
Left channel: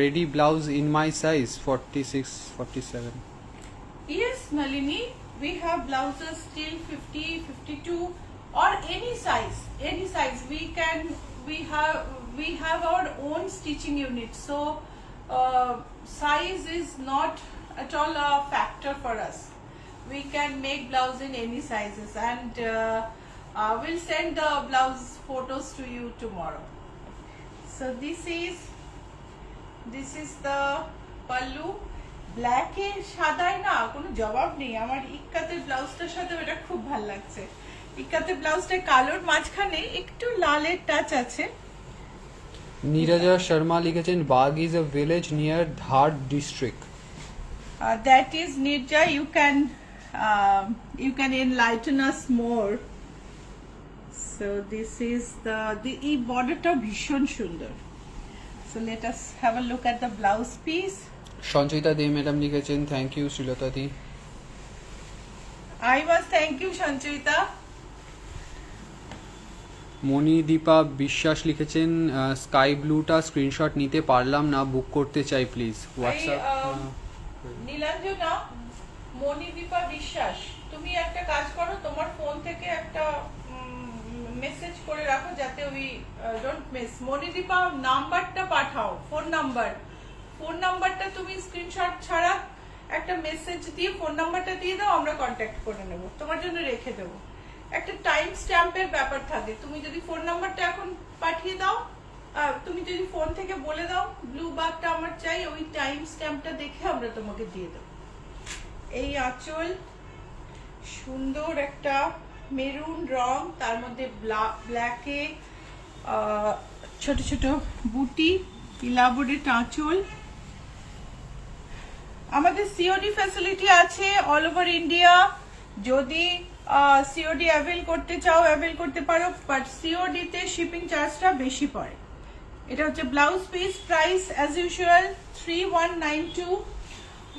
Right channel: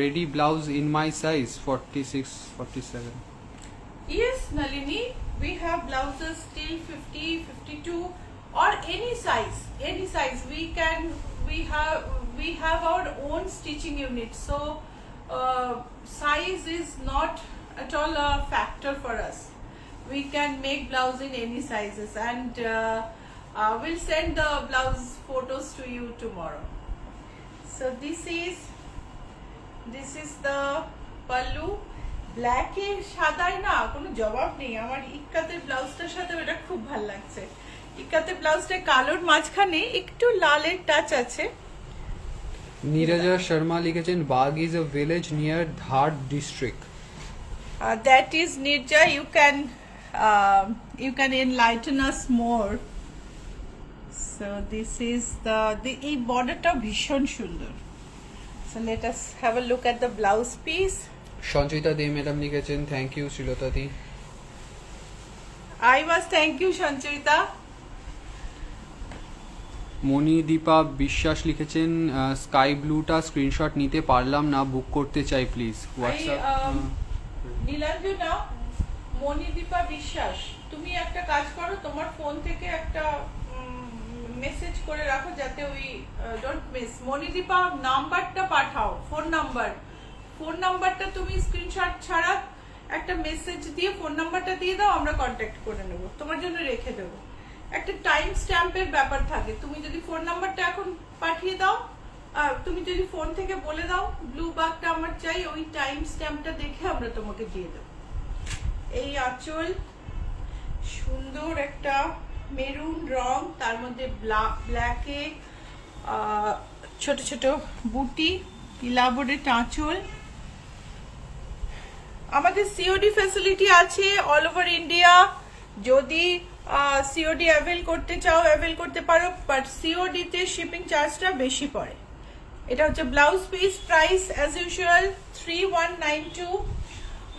ready blouse in my size 46 47? Yes, Nalini, we have blouses till 50, 52 or any size. We have our own stitching unit, so size is not at all a factor for us. We can make blouse in any sizes, and we'll send the blouse photos to you tomorrow. So this is the pallu. Black এ সাদায় না কোনো জবাব নেই। আমার ইক্কাতের ব্লাউজটার সাথে ওটা খুব ভালো লাগছে। ইক্কাতের ব্লাউজটা কালোর মাঝখানে একটু লালের টাচ আছে। নীরজা শর্মা লিখেছেন Bagh is a village near Dhar district. That is Nirja. You can enlighten us more. So this is the এই বর্ডারটা ভীষণ সুন্দর। So let us have a look at the blouse piece. Sanchita De madam লিখেছেন thank you Srilata di. I must thank you, Sanchita. Monidipa Biswas লিখেছেন sky ব্লুটা screenshot নিতে পারলাম না, বুক করতে চাই প্লিজ। হোয়াটসঅ্যাপ নীলাঞ্জনা, মণিদীপা বিশ্বাস, তুমি একটা কাজ করো, তোমার ফোন থেকে একটা মেসেজ করে রাখো যাতে ওই ডোন্ট মিস। মণিদীপা নাম্বারটা পাঠাও, ফোন নাম্বারটা তুমি স্ক্রিনশট ছাড়া একটা মেসেজ দিয়ে ফোন নাম্বারটা দিয়ে দাও, আমরা কন্ট্যাক্ট করে নেব, তোমার জন্য রেখে দেবো। একটা টাইম স্ট্যাম্পের ব্যাপার থাকে, তুমি যদি ফোন নাম্বারটা এখন পাঠিয়ে দাও, তুমি যদি ফোন থেকে বলে দাও ব্লু বাগটা আমার চাই, ওই টাইম স্ট্যাম্পটা দেখে আমরা তোমাকে দিয়ে দেবো। এই আঁচল, সুন্দর একটা মেরুন রং, তার মধ্যে ব্ল্যাকে ছোট ছোট বুটি, ইলাবোরেট আঁচল। আমাদের সিওডি ফ্যাসিলিটি আছে অল ওভার ইন্ডিয়া। যদি সিওডি অ্যাভেল করতে চাও অ্যাভেল করতে পারো, বাট সিওডি তে শিপিং চার্জটা বেশি পড়ে। এটা হচ্ছে blouse piece, price as usual 3192।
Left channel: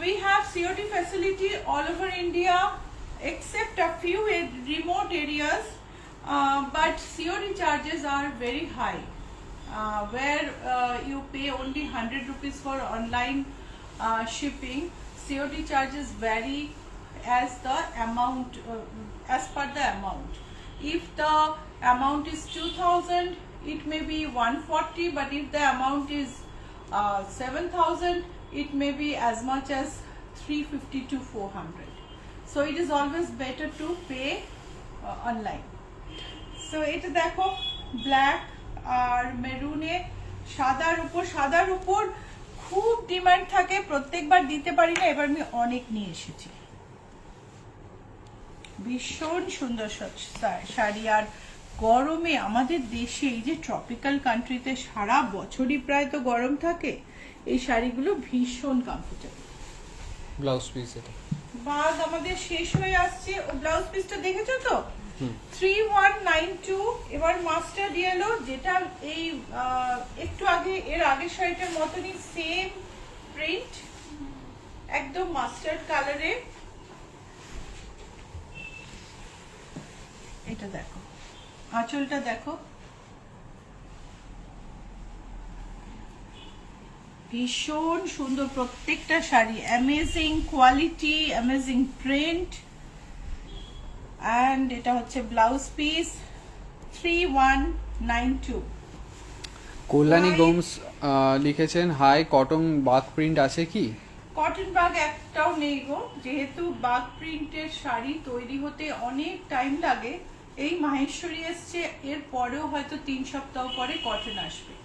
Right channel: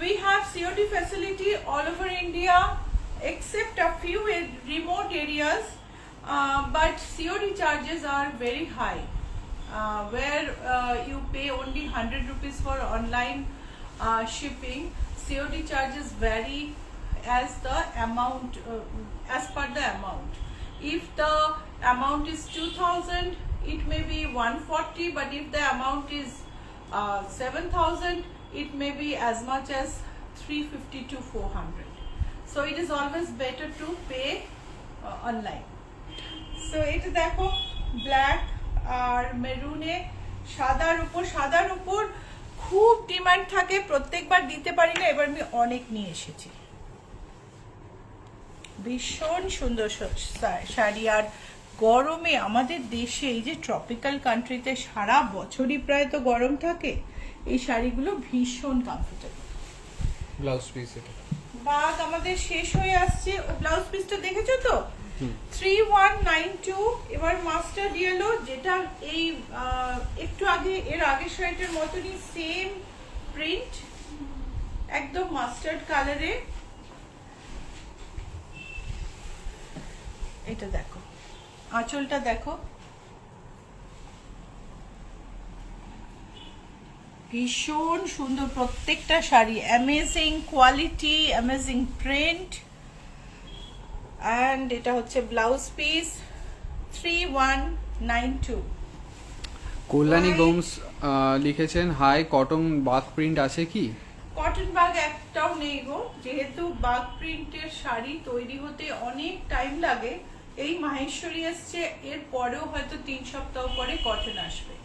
We have COD facility all over India except a few remote areas, but COD charges are very high, where you pay only 100 rupees for online shipping. COD charges vary as the amount, as per the amount. If the amount is 2000, it may be 140, but if the amount is 7000, it may be as much as 350 to 400. So it is always better to pay online. So এটা দেখো black আর মেরুনে সাদার উপর খুব demand থাকে, প্রত্যেকবার দিতে পারি না, এবার আমি অনেক নিয়ে এসেছি। ভীষণ সুন্দর শাড়ি। আর গরমে আমাদের দেশে এই যে ট্রপিক্যাল কান্ট্রিতে সারা বছরই প্রায় তো গরম থাকে, এই শাড়িগুলো ভীষণ কমফোর্টেবল। ব্লাউজ পিস এটা বাগ আমাদের শেষ হয়ে আসছে। ও ব্লাউজ পিসটা দেখেছো তো? 3192। এবার মাস্টার্ড ইয়েলো, যেটা এই একটু আগে এর আগের শাড়িটার মতনই সেম প্রিন্ট, একদম মাস্টার্ড কালারে। এটা দেখো, আঁচলটা দেখো, ভীষণ সুন্দর প্রত্যেকটা sari, amazing quality, amazing print. And এটা হচ্ছে ব্লাউজ পিস 3192। কল্যাণী গোমস লিখেছেন, হাই, কটন বাক প্রিন্ট আছে কি? কটন বাগ একটাও নেই গো, যেহেতু বাগ প্রিন্টের শাড়ি তৈরি হতে অনেক টাইম লাগে। এই মাহেশ্বরী এসছে, এর পরেও হয়তো 3 সপ্তাহ পরে কটন আসবে।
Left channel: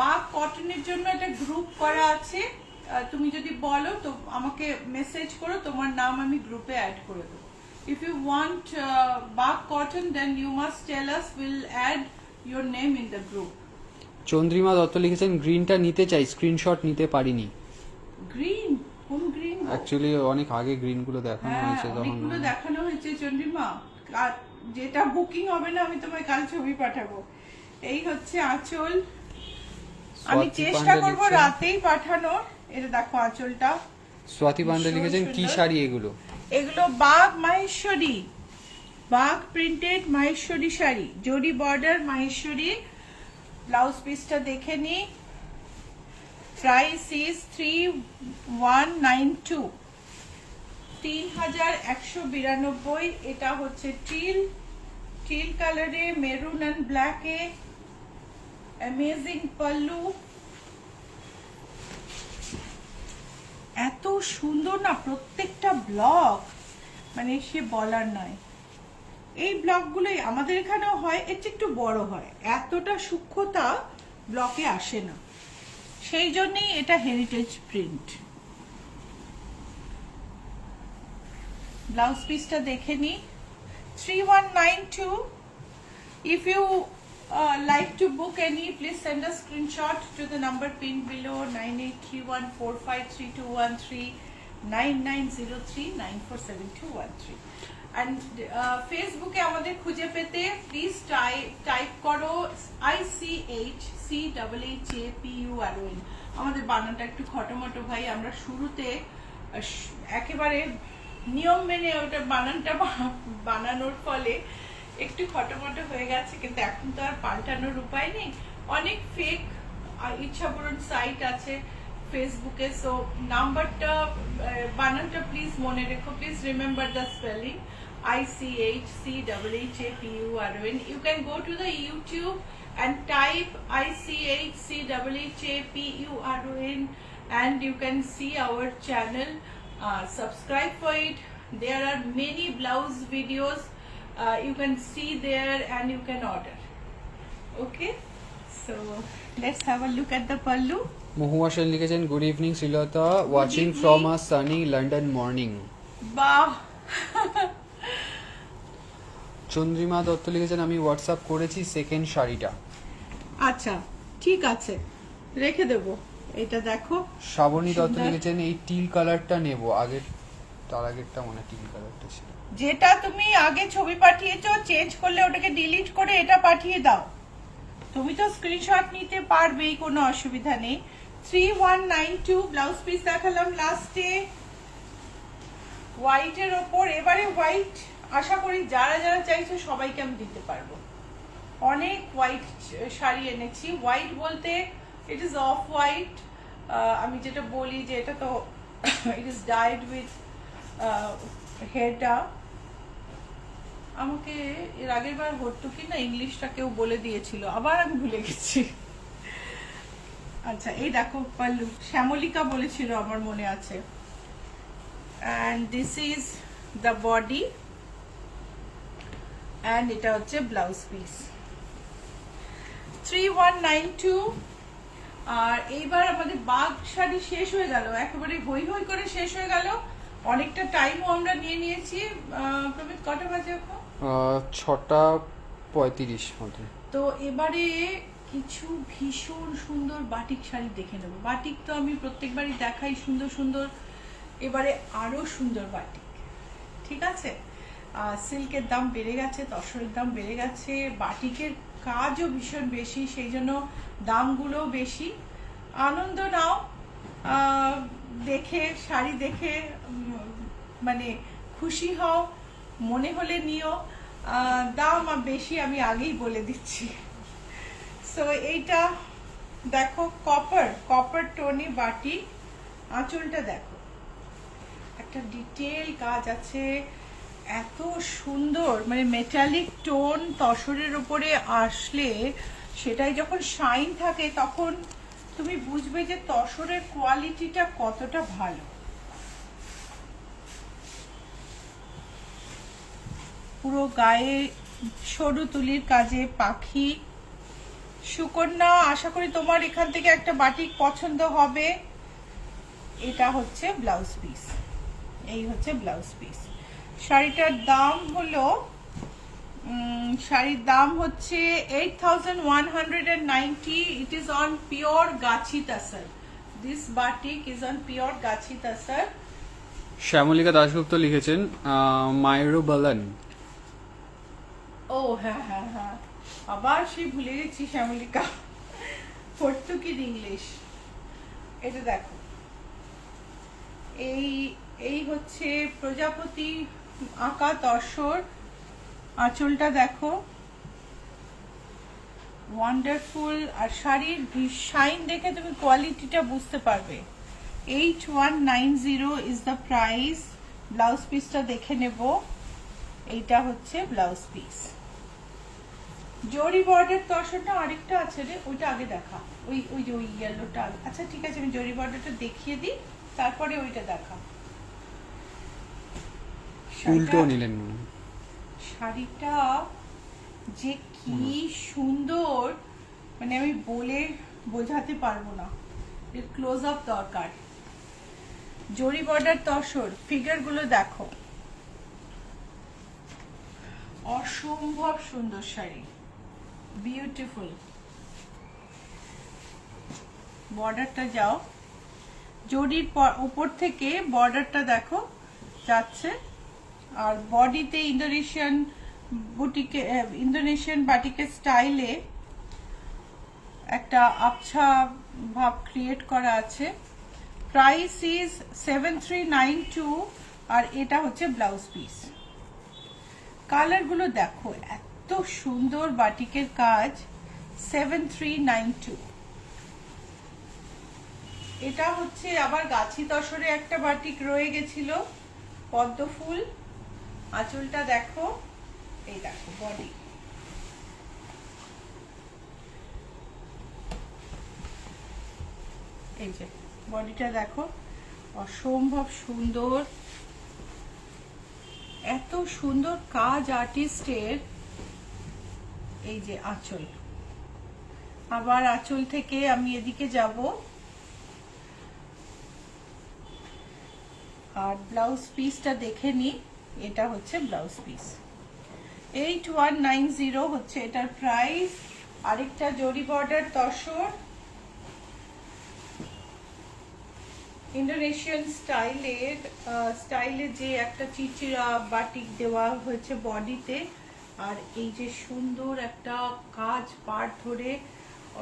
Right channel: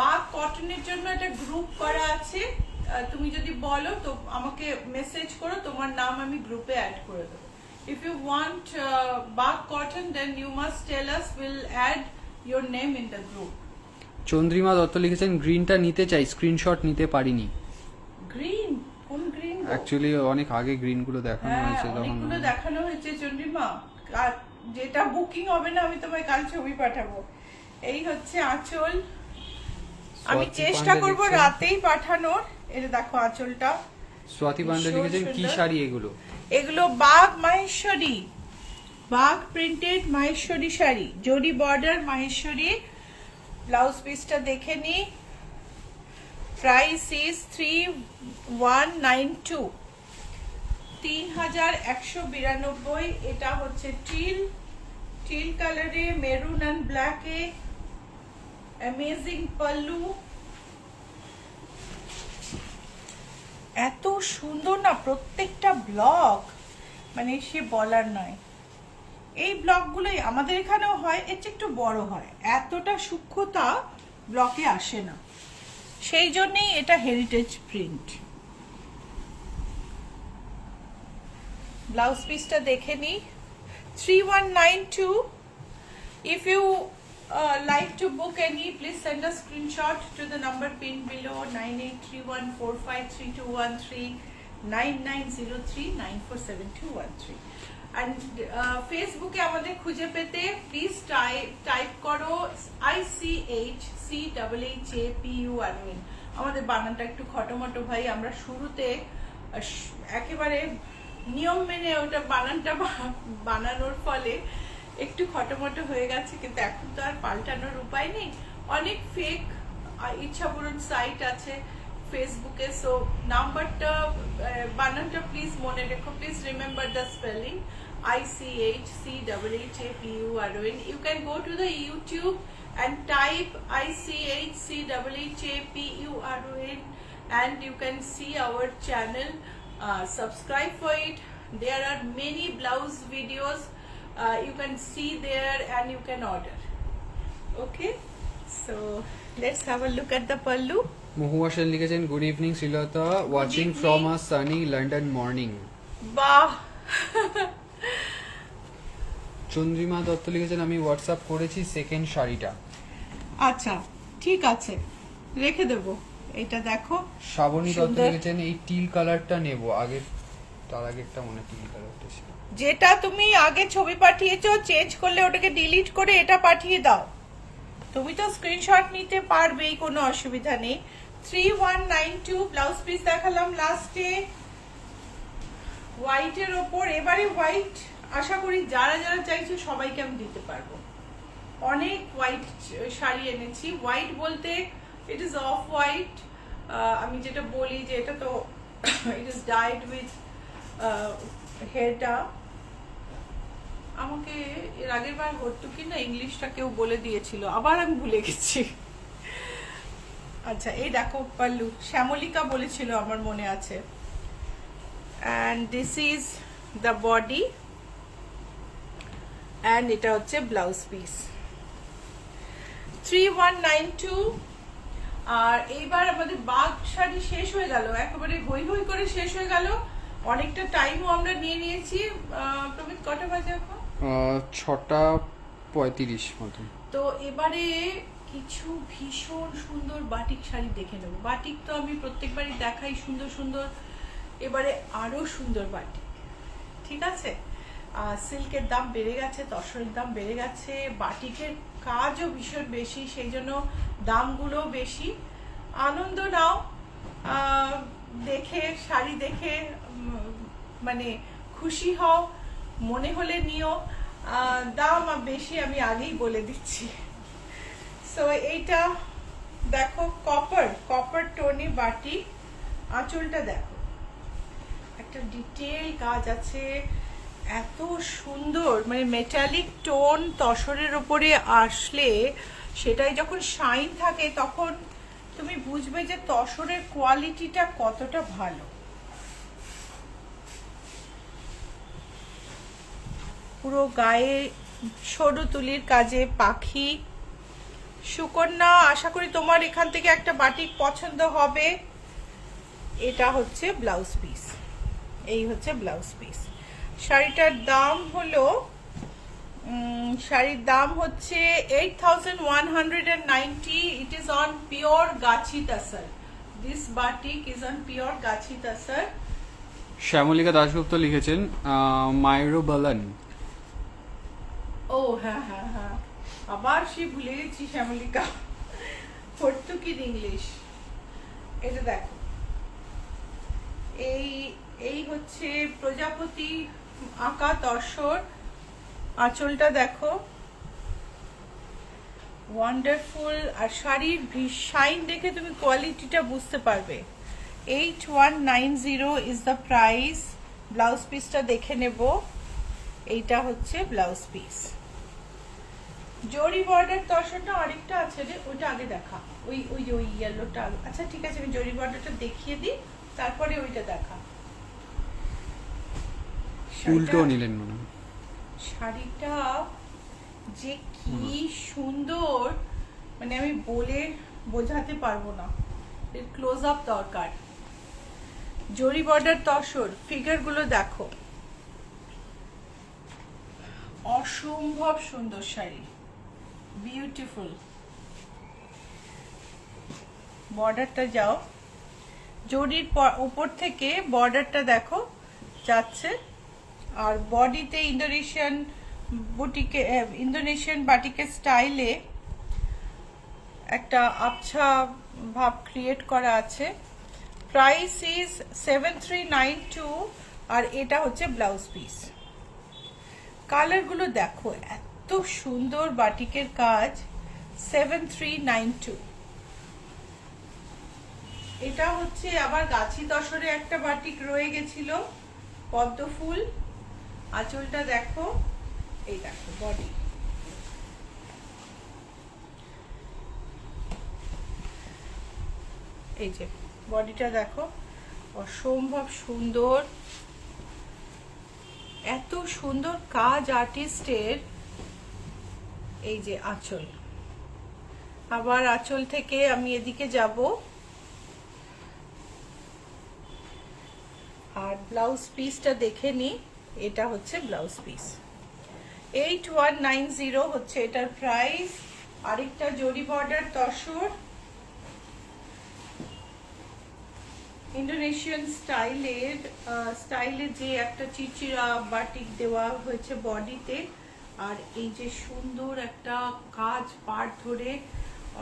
বাগ কটনের জন্য একটা গ্রুপ করা আছে, তুমি যদি বলো তো আমাকে মেসেজ করো, তোমার নাম আমি গ্রুপে অ্যাড করে দেবো। If you want Bag cotton, then you must tell us, we'll add your name in the group. Chandrima Dutta লিখেছেন, গ্রিনটা নিতে চাই, স্ক্রিনশট নিতে পারিনি। গ্রিন? কোন গ্রিন? অ্যাকচুয়ালি অনেক আগে গ্রিন গুলো দেখানো হয়েছে, তখন অনেকগুলো দেখানো হয়েছে চন্দ্রিমা। যেটা বুকিং হবে না আমি তোমায় কাল ছবি পাঠাবো। এই হচ্ছে আঁচল, আমি চেষ্টা করব রাতেই পাঠানোর। এটা দেখো আঁচলটা। স্বাতি পান্ডে লিখেছেন, কি শাড়ি এগুলো? এগুলো Bagh Maheshwari, Bagh printed Maheshwari sari, zari border Maheshwari. Blouse পিসটা দেখে নি। Price is 3192, 3192। এটা হচ্ছে টিল কালারে, মেরুন এন্ড ব্ল্যাকে, অ্যামেজিং পাল্লু। এত সুন্দর না প্রত্যেকটা ব্লক, মানে সে বলার নয়। এই ব্লকগুলোই আমাদের এখানেও হয়, এর চেয়ে একটু বড় হয়, এতটা সূক্ষ্মতা ব্লকে আসে না, সেই জন্যই এটা হেরিটেজ প্রিন্ট। ব্লাউজ পিসটা দেখে নি। 3192। If you like to book any, please send a screenshot to the number pinned below, 9831453213, 9903947213। And ফেসবুকে আমাদের খুঁজে পেতে প্লিজ টাইপ করো ICHCHAPURON। আমাদের বানানটা একটু খটোমটো ভাই, আমরা শুরুতে একেবারে নিয়ম মেনে ওটা বানানটা বানানোর ফলে একটু খটোমটো হয়ে গেছে, কিন্তু এখন তো আর পাল্টানোর উপায় নেই। অনেক ফেক ইচ্ছাপূরণ সাইট আছে ফেসবুকে, সো নাম্বারটা বানানটা প্লিজ মনে রেখো, please remember the spelling ICHCHAPURON. You can go to the YouTube and type ICHCHAPURON and you can see our channel. Subscribe for it. There are many blouse videos. You can see there and you can order. Okay, so let's have a look at the pallu. Mahua Sen লিখেছেন, good evening Srilata, watching from a sunny London morning. বাহ। চন্দ্রিমা দত্ত লিখেছেন, আমি WhatsApp করেছি second শাড়িটা। আচ্ছা ঠিক আছে, রেখে দেবো। এটা দেখো। শ্রাবণী দত্ত লিখেছেন, এই টিল কালারটা নেব, আগের তার আগেরটা মনে টিল কালারটা ছিল। যেটা তুমি আগে ছবি পাঠিয়েছো, চেঞ্জ করলে ওটাকে ডিলিট করে এটা পাঠিয়ে দাও। তুমি তো স্ক্রিনশট নিতে পারবেই, কোনো অসুবিধা নেই। 3192 ব্লাউজ পিস দেখালাম লাস্টে হোয়াইটের ওপর। এবারে হোয়াইট আশা করি যারা যারা চাইছে সবাইকে আমি দিতে পারবো। অনেক হোয়াইট শাড়ি এনেছি। হোয়াইট বলতে ইট ইজ অফ হোয়াইট, আমি যেটা বলি যে এটা তো ইট ইজ ডাইড উইথ হেয়ারটা। আমাকে এর আগের বার ভর্তুকি না ইংলিশটা কেউ বলে দিয়েছিল, আবার আমি ভুলে গেছি। আচ্ছা, এই দেখো পাল্লু, শ্যামলিকা বলেছিল, আমার মনে আছে। and this is the body and এটা হচ্ছে ব্লাউজ পিস। 3192। আর এইবার আমাদের বাগ শাড়ি শেষ হয়ে গেল, একেবারে হই হই করে শেষ হয়ে গেল। অনেকটা টাইমও আমরা নিয়ে নিয়েছি। প্রমিত, কটা বাজে এখন? 6:35 মতো। তো এবারে কিছু ভীষণ সুন্দর বাটিক শাড়ি দেখে নেবো। বাটিক তো আমি প্রত্যেকবারই দেখাই সুন্দর সুন্দর, এবারে আরো সুন্দর বাটিক। ঠিক আছে, সিল্কের দাম বেড়ে গেছে, তসরের দাম বেড়ে গেছে, বাটিকের কাজও ভীষণ বেশি, সেই জন্য দামগুলো বেশি। আনন্দ নাও, দেখে শাড়ি দেখে মানে খুশি হও, মনে হলে নিও। দাম বেশি আমি আগেই বলে দিচ্ছি। সো এইটা দেখো, কপার টোনে বাটি, আঁচলটা দেখো, একটা ডিটেল কাজ আছে, এত সুন্দর, মানে মেটালিক টোন তসরের উপরে আসলে সেটাই যখন শাইন থাকে তখন তুমি বুঝবে যে তসরের কোয়ালিটিটা কতটা ভালো। পুরো গায়ে সরু তুলির কাজে পাখি। সুকন্যা, আশা করি তোমার এখান থেকে একটা বাটিক পছন্দ হবে। এটা হচ্ছে ব্লাউজ পিস, এই হচ্ছে ব্লাউজ পিস। শাড়িটার দাম হলো, শাড়ির দাম হচ্ছে 8190। It is on pure gachhi tussar. This batik is on pure gachhi tussar. Shyamalika Dasgupta লিখেছেন মাইরো বালান। ও হ্যাঁ হ্যাঁ হ্যাঁ, আবার সেই ভুলে গেছি শ্যামলিকা, পর্তুগিজ ইংলিশ। এটা দেখো, এই হচ্ছে প্রজাপতি আঁকা তসর। আঁচলটা দেখো, ওয়ান্ডারফুল। আর শাড়ির শাইন দেখে তুমি কোয়ালিটিটা বুঝতে পারবে। 8190 ইজ দ্য প্রাইস। ব্লাউজ পিসটা দেখে নেব। এইটা হচ্ছে ব্লাউজ পিস। জরি বর্ডার তসরটা আরেকটা আছে রে, ওইটা আগে দেখা। ওই যে ওই ইয়েলোটা। আচ্ছা ঠিক আছে, আমি জরি বর্ডারটা দেখিয়ে দিই, তারপরে ওইটা দেখা। উল্টো নিলেন মনে হয়। শাড়িটা যে কি সুন্দর, মানে আমি বলে বোঝাতে পারবো না, এর ক্লোজ আপ দরকার। জরি বর্ডার তসর, ফিগার গুলো দেখো, অসম্ভব সুন্দর শাড়ি, বিউটিফুল। বর্ডারটা যাও, জরির উপর থেকে বর্ডারটা দেখো যাচ্ছে। আর বডিতে ইন্দোনেশিয়ান বাটিকের স্টাইলে একটা আবছা ভাব ক্রিয়েট করা আছে। Price is 7392। আর এটা হচ্ছে ব্লাউজ পিস। কালার গুলো দেখো, এত সুন্দর বাটিকের কাজ। 7392। এটা হচ্ছে আবার গাছি তসরে একটা বাটিক রয়ে গেছিল, পদ্ম ফুল। আঁচলটা দেখো, এই দেখো বডি, এই যে বডিটা দেখো, অসম্ভব সুন্দর, এত সুন্দর কাজ আর্টিস্টের। এই যে আঁচল, আবার আঁচল থেকে আমি এদিকে যাব। আর ব্লাউজ পিসটা দেখে নি, এটা হচ্ছে ব্লাউজ পিস। 8190 হচ্ছে এটার প্রাইস। আরেকটা জরি বর্ডার তসর, ইন্দোনেশিয়ান স্টাইলের যে একটা চিচিরা বাটিক দেওয়া হয়েছে বডিতে। আর এই যে সুন্দর একটা কাজ, পাড় ধরে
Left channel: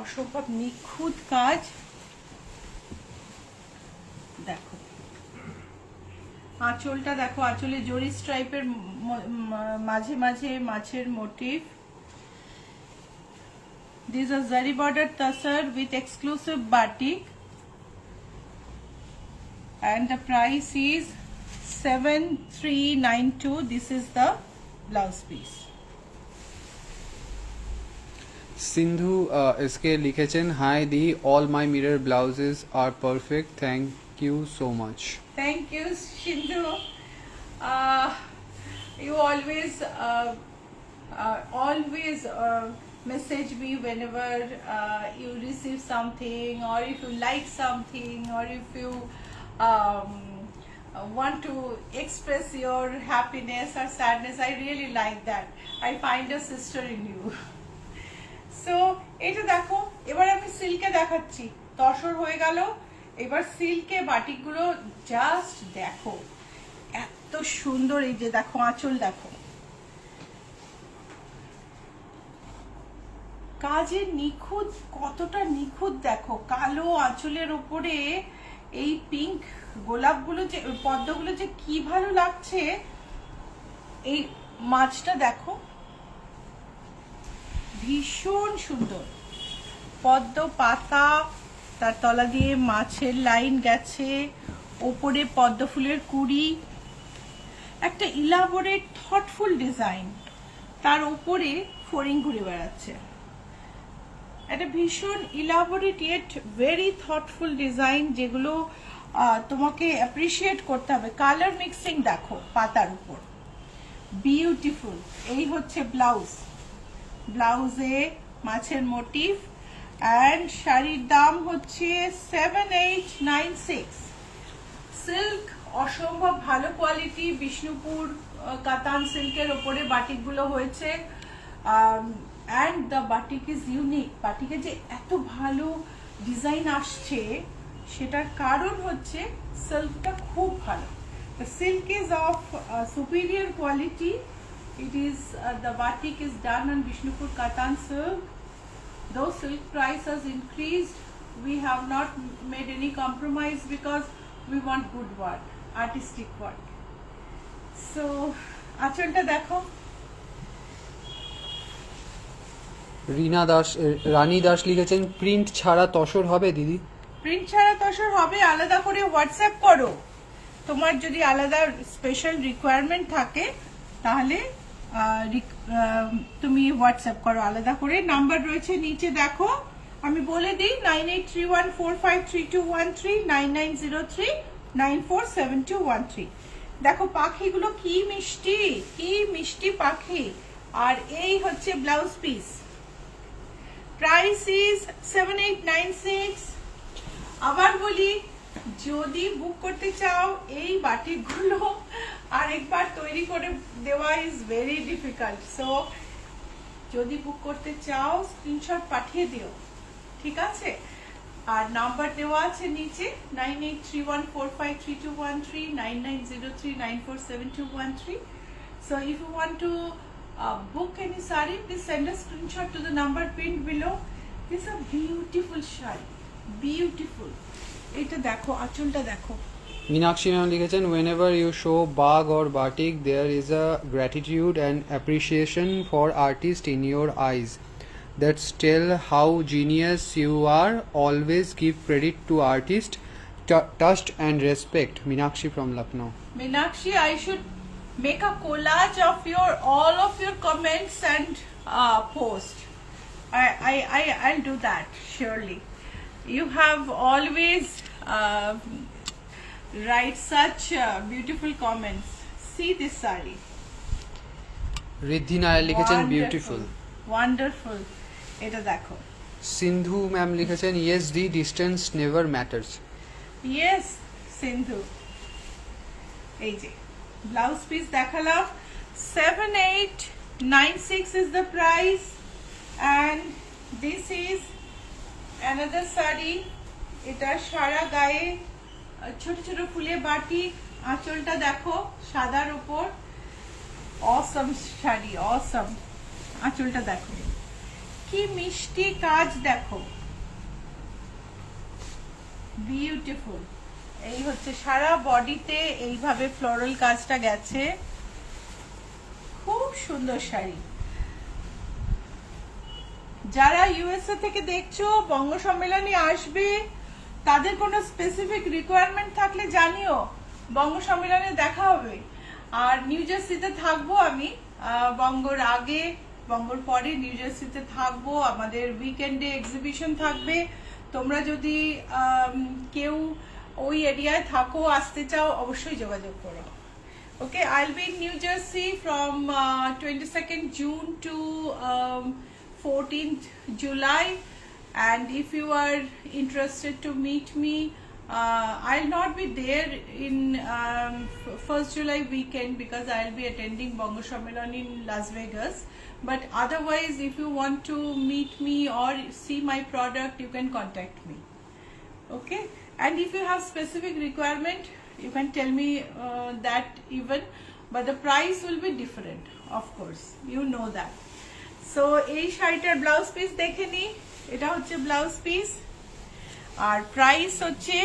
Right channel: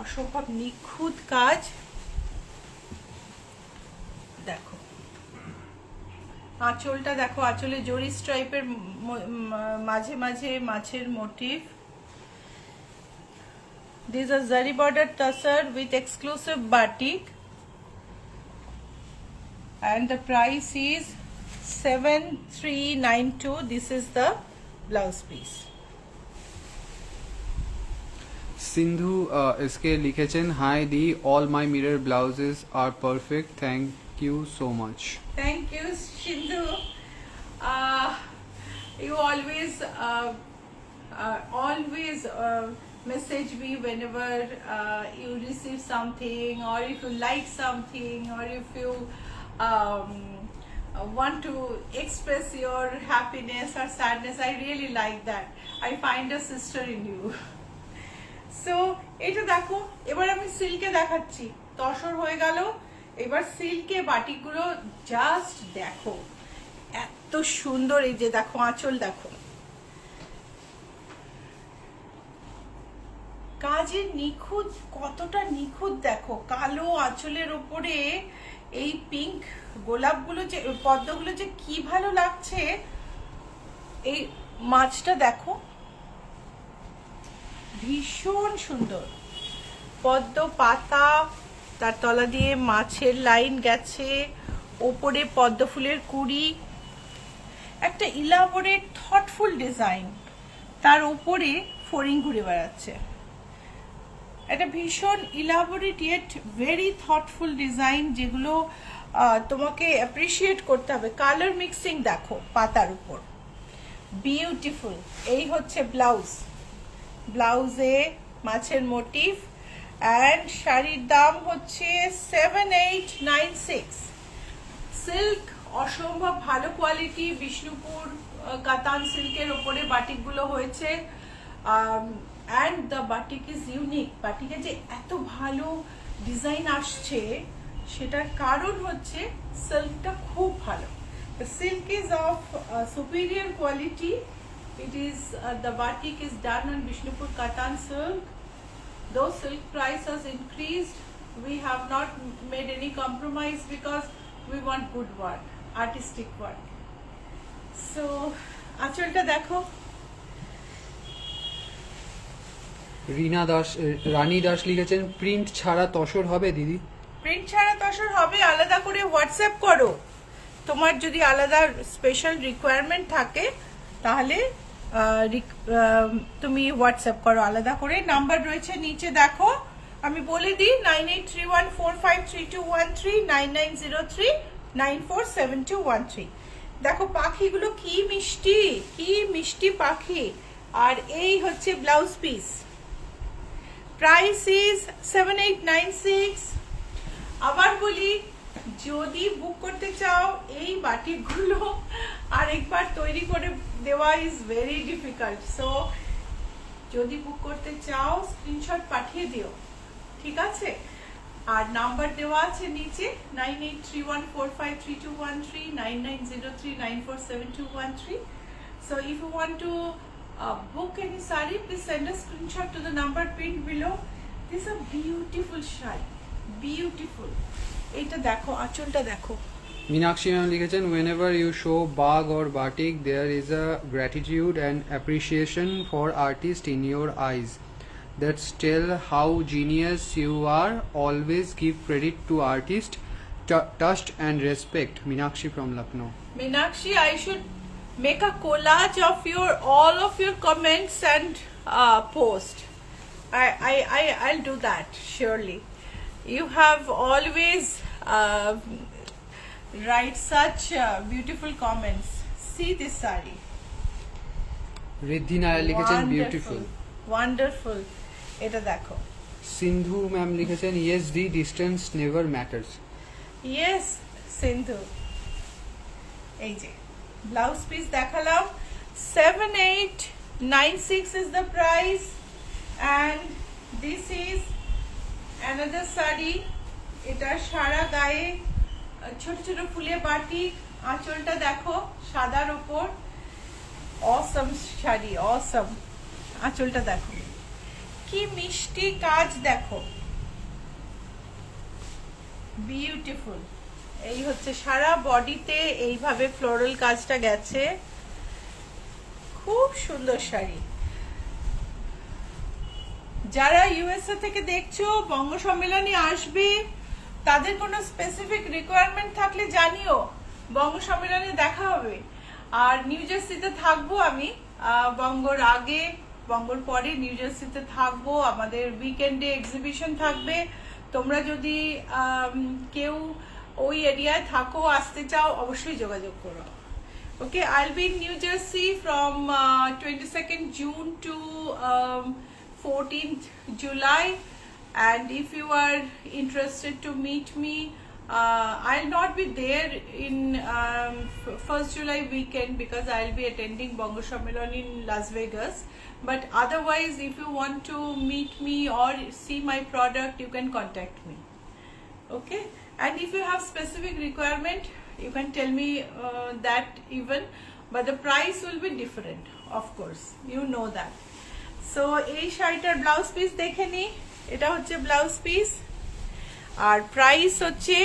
অসম্ভব নিখুঁত কাজ দেখো। আঁচলটা দেখো, আঁচলে জরি স্ট্রাইপের মাঝে মাঝে মাছের motive. These are zari border tussar with exclusive batik and the price is 7392. This is the blouse piece. Sindhu SK লিখেছেন, hi di, all my mirror blouses are perfect, thank you so much. Thank you, Shindu. You always message me whenever you receive something, or if you like something, or if you want to express your happiness or sadness. I really like that. I find a sister in you. So এটা দেখো, এবার আমি সিল্কে দেখাচ্ছি, তসর হয়ে গেল। এবার সিল্কে বাটিকগুলো just দেখো, এত সুন্দর। এই যে দেখো আঁচল, দেখো কাজের নিখুঁত, কতটা নিখুঁত দেখো। কালো আঁচলের ওপরে এই পিঙ্ক গোলাপগুলো, যে পদ্মগুলো যে কি ভালো লাগছে। এই মাছটা দেখো, ভীষণ সুন্দর। পদ্ম পাতা, তার তলা দিয়ে মাছের লাইন গেছে, ওপরে পদ্ম ফুলের কুড়ি, একটা ইলাবোরেট থটফুল ডিজাইন, তার উপরে ফড়িং ঘুরে বেড়াচ্ছে। একটা ভীষণ elaborate yet very thoughtful design, যেগুলো তোমাকে অ্যাপ্রিসিয়েট করতে হবে। কালার মিক্সিং দেখো পাতার উপর, বিউটিফুল। এই হচ্ছে ব্লাউজ, ব্লাউজে মাছের মোটিভ, অ্যান্ড শাড়ির দাম হচ্ছে 7896। সিল্ক অসম্ভব ভালো কোয়ালিটি, বিষ্ণুপুর কাতান সিল্কের ওপরে বাটিকগুলো হয়েছে। And the batik is unique. বাটিকে যে এত ভালো ডিজাইন আসছে, সেটার কারণ হচ্ছে সিল্কটা খুব ভালো। The silk is of superior quality. It is the batik is done on Bishnupur Katan silk. Though silk price has increased, we have not made any compromise because we want good work, artistic work. So, আঁচলটা দেখো। রানী দাস লিখেছেন, print ছাড়া তসর হবে দিদি? Print ছাড়া তসর হবে, আলাদা করে হোয়াটসঅ্যাপ করো। তোমার যদি আলাদা স্পেশাল রিকোয়ারমেন্ট থাকে, তাহলে তুমি হোয়াটসঅ্যাপ করো আলাদা করে। নাম্বার রয়েছে নিচে দেখো, আমি বলে দিই 9831453213, 9903947213। দেখো পাখিগুলো কি মিষ্টি, কি মিষ্টি পাখি। আর এই হচ্ছে ব্লাউজ পিস, প্রাইস ইজ 7896। আবার বলি, যদি বুক করতে চাও এই বাটিকগুলো আরেকবার তৈরি করে দেওয়া ইজ ভেরি ডিফিকাল্ট। সো যদি বুক করতে চাও স্ক্রিনশট পাঠিয়ে দিও, ঠিক আছে? আর নাম্বার দেওয়া আছে নিচে 9831453213, 9903947213। So if you want to book any sari, please send a screenshot to the number pinned below. This is a beautiful shari, beautiful. এটা দেখো, আঁচলটা দেখো। মীনাক্ষী ম্যাম লিখেছেন, whenever you show bag or batik, there is a gratitude and appreciation for artist in your eyes. That's tell how genius you are. Always give credit to artist. Trust and respect. Meenakshi from Lucknow. Meenakshi, I should make a collage of all of your comments and post. I'll do that surely. You have always write such beautiful comments. See this saree. Riddhi Nair লিখেছেন, beautiful, wonderful. এটা দেখো। সিন্ধু ma'am লিখেছেন, yes দি, distance never matters. Yes সিন্ধু। এই যে blouse piece দেখালাম, 7896 is the price, and this is another saree. এটা সারা গায়ে ছোট ছোট ফুলে বাটি, আঁচলটা দেখো সাদার উপর। অসম শাড়ি, অসম। আঁচলটা দেখো কি মিষ্টি কাজ, দেখো বিউটিফুল। এই হচ্ছে সারা বডিতে এইভাবে ফ্লোরাল কাজটা গেছে, খুব সুন্দর শাড়ি। যারা ইউএসএ থেকে দেখছো, বঙ্গ সম্মেলনে আসবে, তাদের কোনো স্পেসিফিক রিকোয়ারমেন্ট থাকলে জানিও, বঙ্গ সম্মেলনে দেখা হবে। আর নিউ জার্সিতে থাকবো আমি বঙ্গর আগে বঙ্গর পরে নিউ জার্সিতে থাকবো, আমাদের উইকেন্ডে এক্সিবিশন থাকবে। তোমরা যদি কেউ ওই এরিয়ায় থাকো, আসতে চাও, অবশ্যই যোগাযোগ করো। Okay, I'll be in New Jersey from 22nd June to 14th July, and if you are interested to meet me, I'll not be there in 1st July weekend because I'll be attending Bongo Shammelan in Las Vegas. But otherwise, if you want to meet me or see my product, you can contact me. Okay, and if you have specific requirement, you can tell me that even, but the price will be different, of course, you know that. So এই শাড়িটার blouse piece দেখে নি, এটা হচ্ছে blouse piece আর price হচ্ছে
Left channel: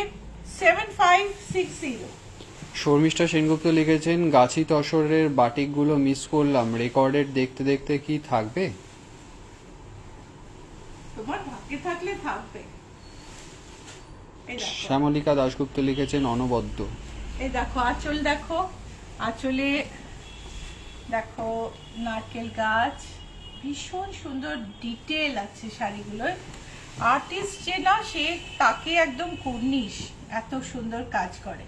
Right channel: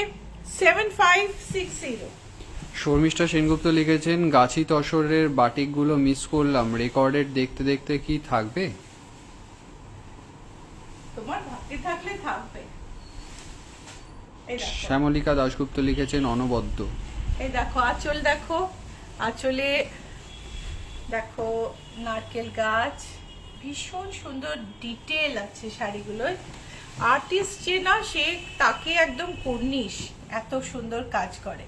7560। শর্মিষ্ঠা সেনগুপ্ত লিখেছেন গাছি তসরের বাটিকগুলো miss করলাম, recorded দেখতে দেখতে কি থাকবে? তোমার ভাগ্যে থাকলে থাকবে। এই দেখো, শ্যামলিকা দাশগুপ্ত লিখেছেন অনবদ্য। এই দেখো আঁচল, দেখো আঁচলে দেখো নারকেল গাছ, ভীষণ সুন্দর ডিটেল আছে শাড়িগুলোর। আর্টিস্ট যে না, সে তাকে একদম কুর্নিশ, এত সুন্দর কাজ করে।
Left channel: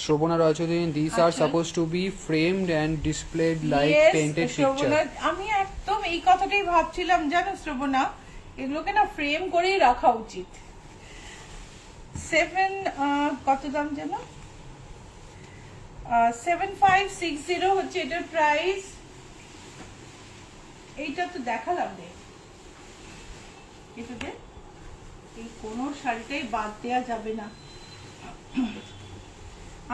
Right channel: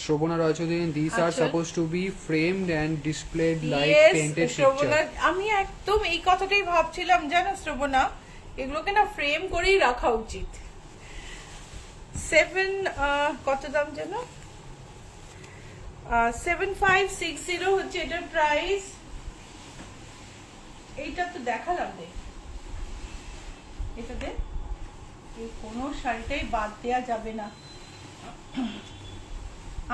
শ্রবণা রয়চৌধুরী, these are আচ্ছা। supposed to be framed and displayed like Yes, painted Shravana, picture. আমি একদম এই কথাটাই ভাবছিলাম, জানো শ্রবণা, এগুলোকে না ফ্রেম করেই রাখা উচিত। 7 কত দাম যেন, 7560 হচ্ছে এটার প্রাইস। এইটা তো দেখালাম রে, এটাতে এই কোনো শাড়িটাই বাদ দেওয়া যাবে না।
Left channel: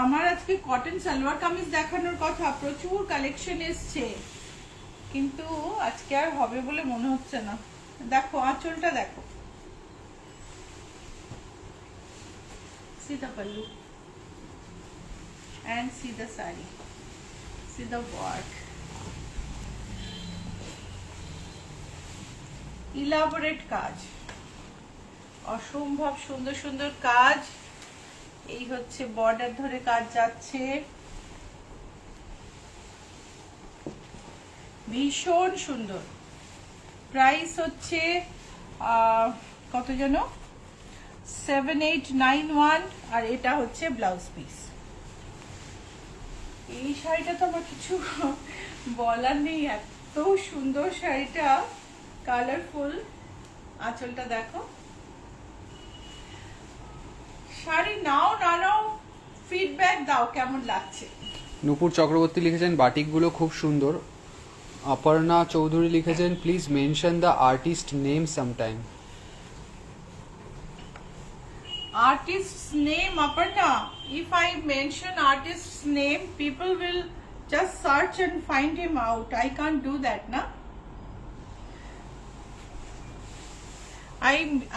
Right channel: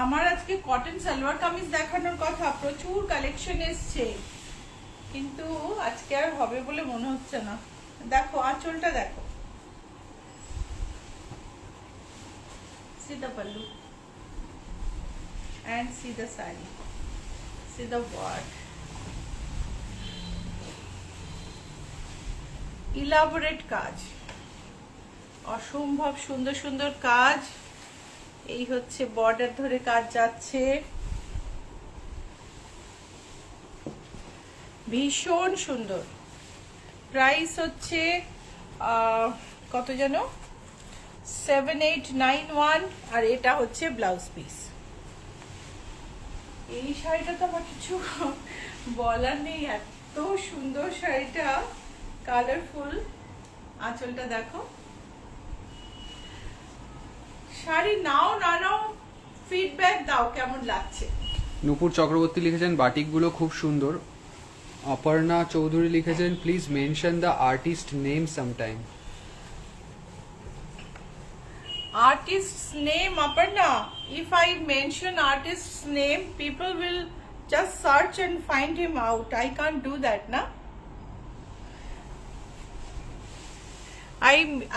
আমার আজকে কটন সালোয়ার কামিজ দেখানোর কথা, প্রচুর কালেকশন এসছে, কিন্তু আজকে আর হবে বলে মনে হচ্ছে না। দেখো আঁচলটা দেখো, see the pallu and see the sari, see the work, elaborate কাজ, অসম্ভব সুন্দর সুন্দর কাজ। এই হচ্ছে বর্ডার ধরে কাজ যাচ্ছে, ভীষণ সুন্দর। প্রাইস হচ্ছে কত যেন, 7891, আর এটা হচ্ছে ব্লাউজ পিস। এই শাড়িটা তো আমার কিছু বলার নেই, এত সুন্দর শাড়িটা, কালারফুল। আঁচলটা দেখো, শাড়ি নাও না নাও ফিডব্যাক দাও কেমন লাগছে। নূপুর চক্রবর্তী লিখেছেন বাটিকগুলো খুব সুন্দর। অপর্ণা চৌধুরী লিখেছেন please mention the artist name sometime. Artist's name, Aparna, if I mention artist's name, people will just search and find him out. I can't do that, na?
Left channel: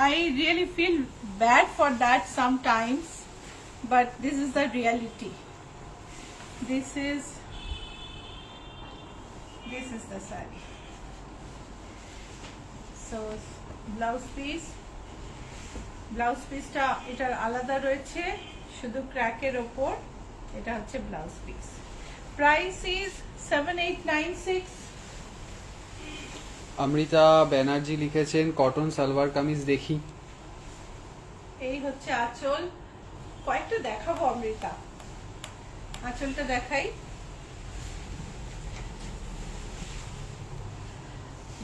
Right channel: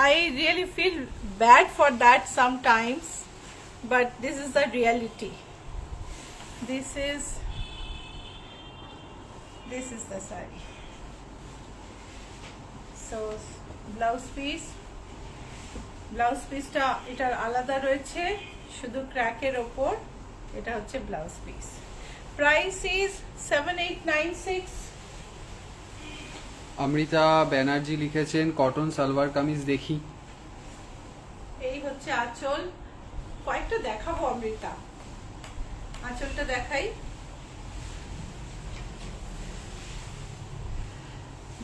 I really feel bad for that sometimes, but this is the reality. This is the saree. So blouse piece, blouse পিসটা এটার আলাদা রয়েছে, শুধু ক্র্যাকের ওপর। এটা হচ্ছে blouse piece, price is 7896। Amrita Banerjee লিখেছেন cotton salwar kameez দেখি। এই হচ্ছে আঁচল, কয়েকটা দেখাবো অমৃতা, আঁচলটা দেখাই।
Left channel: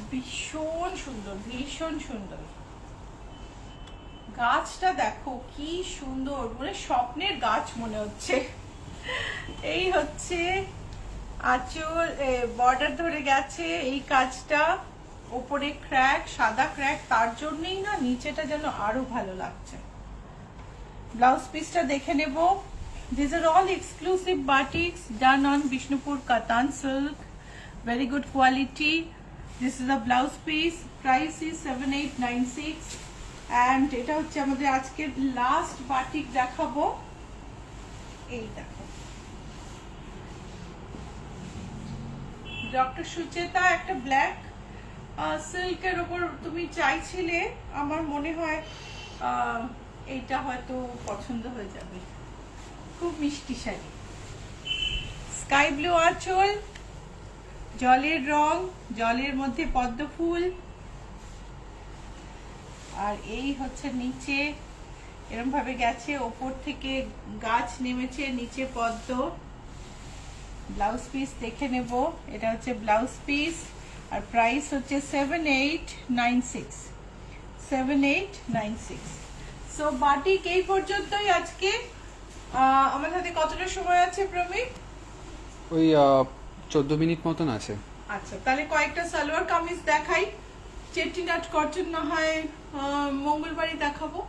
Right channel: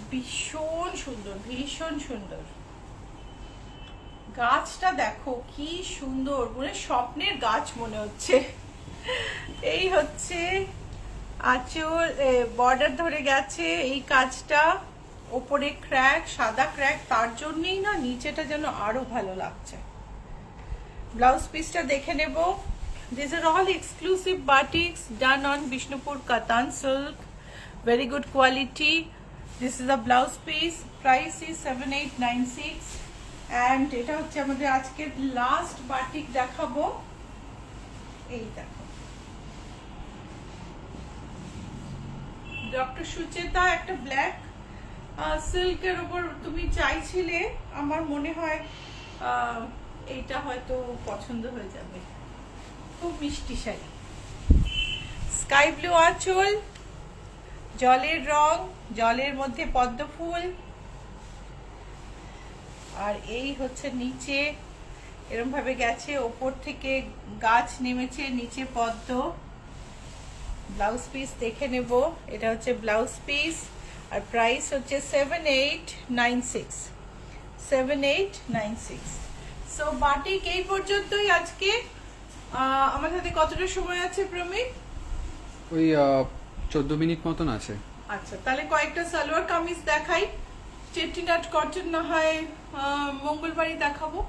ভীষণ সুন্দর, ভীষণ সুন্দর। গাছটা দেখো কি সুন্দর, মানে স্বপ্নের গাছ মনে হচ্ছে। এই হচ্ছে আঁচল, বর্ডার ধরে গেছে এই কাজটা, ওপরে ক্র্যাক, সাদা ক্র্যাক, তার জন্যই না নিচেটা যেন আরো ভালো লাগছে। ব্লাউজ পিসটা দেখে নেব। This are all exclusive batiks done on Bishnupur katan silk, very good quality. This is a blouse piece, price is 7896। And এটা হচ্ছে আমাদের আজকের লাস্ট বাটিক দেখাবো। এই দেখো, ডক্টর সুচেতা, একটা ব্ল্যাক সিল্কের উপর তুমি চাইছিলে, আমার মনে হয় এইটা হয়তো পছন্দ হয়ে যাবে, খুব মিষ্টি শাড়ি। স্কাই ব্লু আঁচল, জলের রং, জলের মধ্যে পদ্ম ফুল, আর এই হচ্ছে নিচে এরকম ভাবে গেছে, ওপর থেকে গাছ নেমেছে, নিচে পদ্ম। ব্লাউজ পিস দেখে নেব, এটা হচ্ছে ব্লাউজ পিস, আর প্রাইস হচ্ছে 7896, 7896। সো বাটিক এই পর্যন্তই আজকে। আমার হাতে কতটা সময় আছে প্রমিত? ওই 14 মিনিট মতন আছে। আচ্ছা, তাহলে কয়েকটা সালোয়ার কামিজ দেখাই। চেটিনাট কটন না হয় মঙ্গলবারই দেখাবো।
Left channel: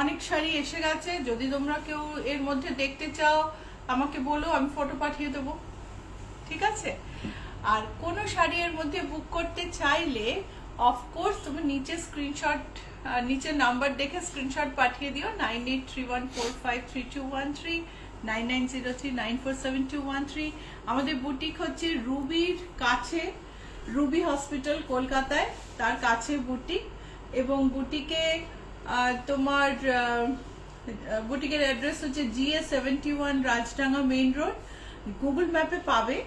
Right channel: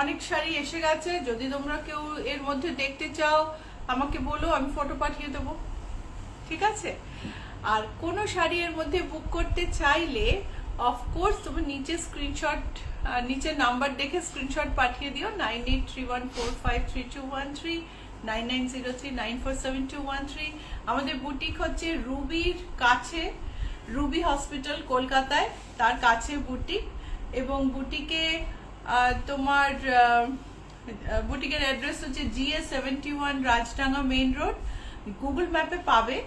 অনেক শাড়ি এসে গেছে, যদি তোমরা কেউ এর মধ্যে দেখতে চাও আমাকে বলো, আমি ফটো পাঠিয়ে দেবো, ঠিক আছে? আর কোন শাড়ি এর মধ্যে বুক করতে চাইলে অফকোর্স তুমি নিচে স্ক্রিনশট, নিচে নাম্বার দেখে স্ক্রিনশট পাঠিয়ে দিও, 9831453213, 9903947213। আমাদের বুটিক হচ্ছে রুবির কাছে, রুবি হসপিটাল কলকাতায়, তার কাছে বুটিক। এবং বুটিকে তোমার বুটিকের অ্যাড্রেস হচ্ছে GA71 Rajdanga main road. Google ম্যাপে পাবে।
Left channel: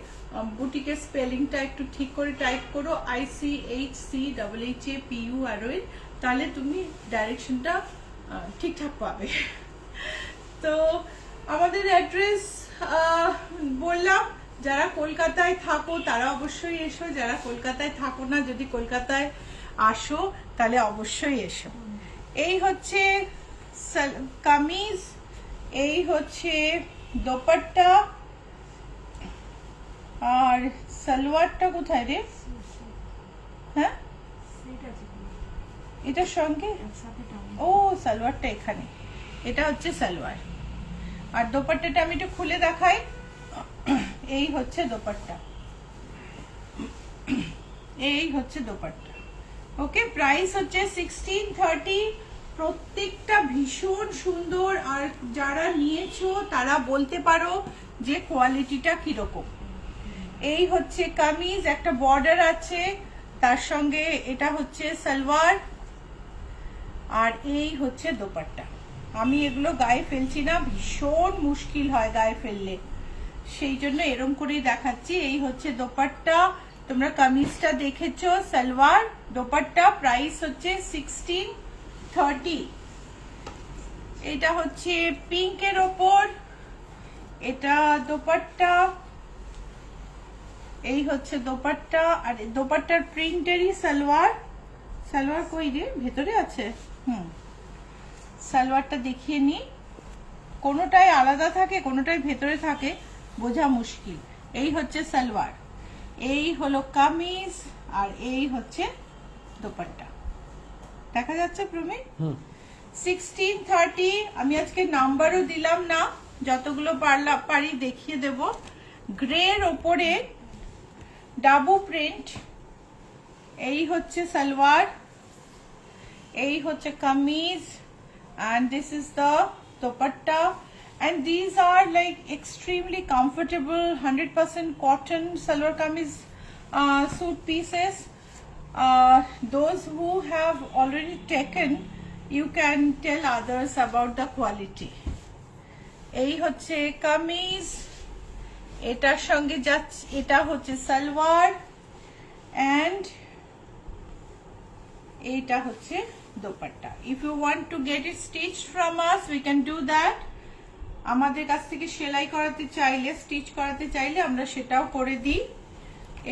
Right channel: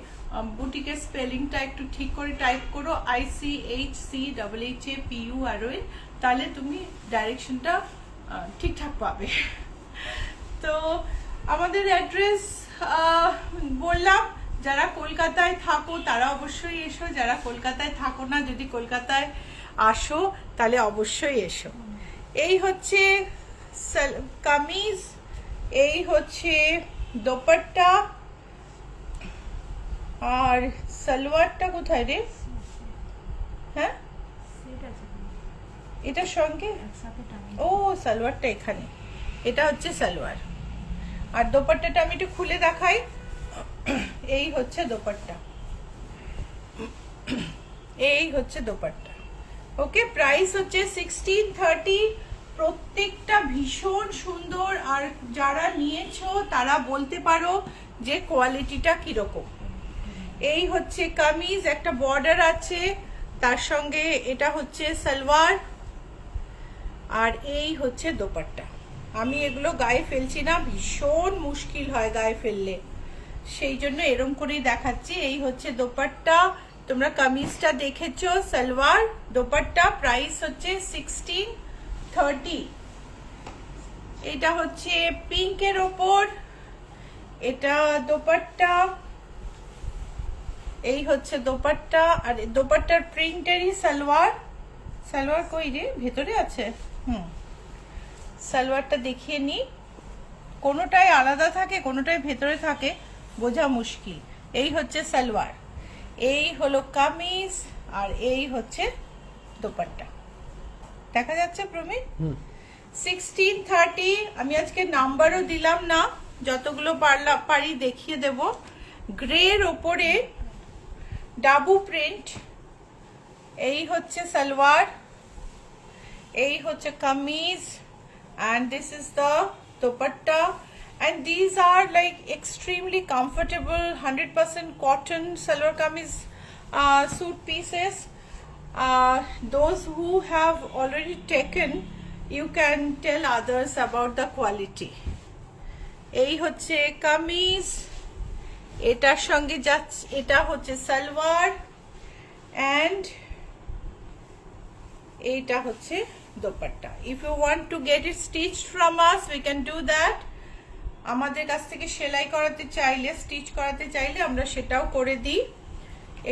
বুটিকের স্পেলিংটা একটু ঠিক করে টাইপ করো, ICHCHHAPUROE, তাহলে তুমি ডাইরেকশনটা ঠিকঠাক পাবে। তো আমাদের অ্যাড্রেস বললাম, যারা কলকাতায় থাকো তারা অবশ্যই এসো, যারা কলকাতায় থাকো না, যদি কলকাতায় আসো তাহলে অবশ্যই এসো। এই হচ্ছে কামিজ, এই হচ্ছে দোপাট্টা, আর সালোয়ারটা কোথায় রে? হ্যাঁ, এটার সঙ্গে, ও সালোয়ারটা এখানে, এটা হচ্ছে সালোয়ার। আর দোপাট্টাটা আমি একটু খুলে দেখাই। এই হচ্ছে দোপাট্টা, এই হচ্ছে দোপাট্টা। ওকে, প্রাইস হচ্ছে 1630। প্রত্যেকটা ভীষণ সুন্দর, আর যারা নিয়েছো তারা বলতে পারো যে কোয়ালিটিটা কিরকম। এই হচ্ছে কামিজ, একটা বর্ডার আছে, তার সঙ্গে এটা হচ্ছে সালোয়ার, আর এই হচ্ছে দোপাট্টা। আমি এগুলো গায়ে ফেলছি না, ভীষণ মুশকিল হয় গায়ে ফেললে, সেই জন্য এরম করেই দেখাচ্ছি। এই হচ্ছে দোপাট্টা, তোমরা কামিজটা দেখেছো, সালোয়ার, দোপাট্টা, প্রাইস হচ্ছে 1630। এটা হচ্ছে পিঙ্কের ওপর, এটা দোপাট্টা, এই হচ্ছে দোপাট্টা, আর দোপাট্টার প্রিন্টেরই সালোয়ার। সালোয়ার কই রে, ভেতরে আছে? সালোয়ারটা দেখিয়ে নি, কোনোটাই আলাদা থাকে কোনোটাই ভেতরে থাকে, বোঝা মুশকিল। এই হচ্ছে সালোয়ার, এই হলো কামিজ, আর এই হচ্ছে দোপাট্টা। দেখা যাচ্ছে প্রমি? 1630। আমি আজকে নাম্বারও দিলাম না, যতগুলো পারি দেখিয়ে দেব। গ্রের ওপরে ডাবু প্রিন্ট, এই হচ্ছে সালোয়ার, এই হচ্ছে kameez, and this is the dupatta, and these are like extremely comfortable 100% cotton salwar kameez suit pieces. Those who have already taken, you can tell others about the quality. এই হচ্ছে কামিজ, এটার সঙ্গে যাচ্ছে, এটা হচ্ছে সালোয়ার, and এটা হচ্ছে dupatta. If you want to get it stitched from us, we can do that. আমাদের কাছ থেকে সেলাই করাতে চাইলে, স্টিচ করাতে চাইলে আমরা সেটাও করে দিই।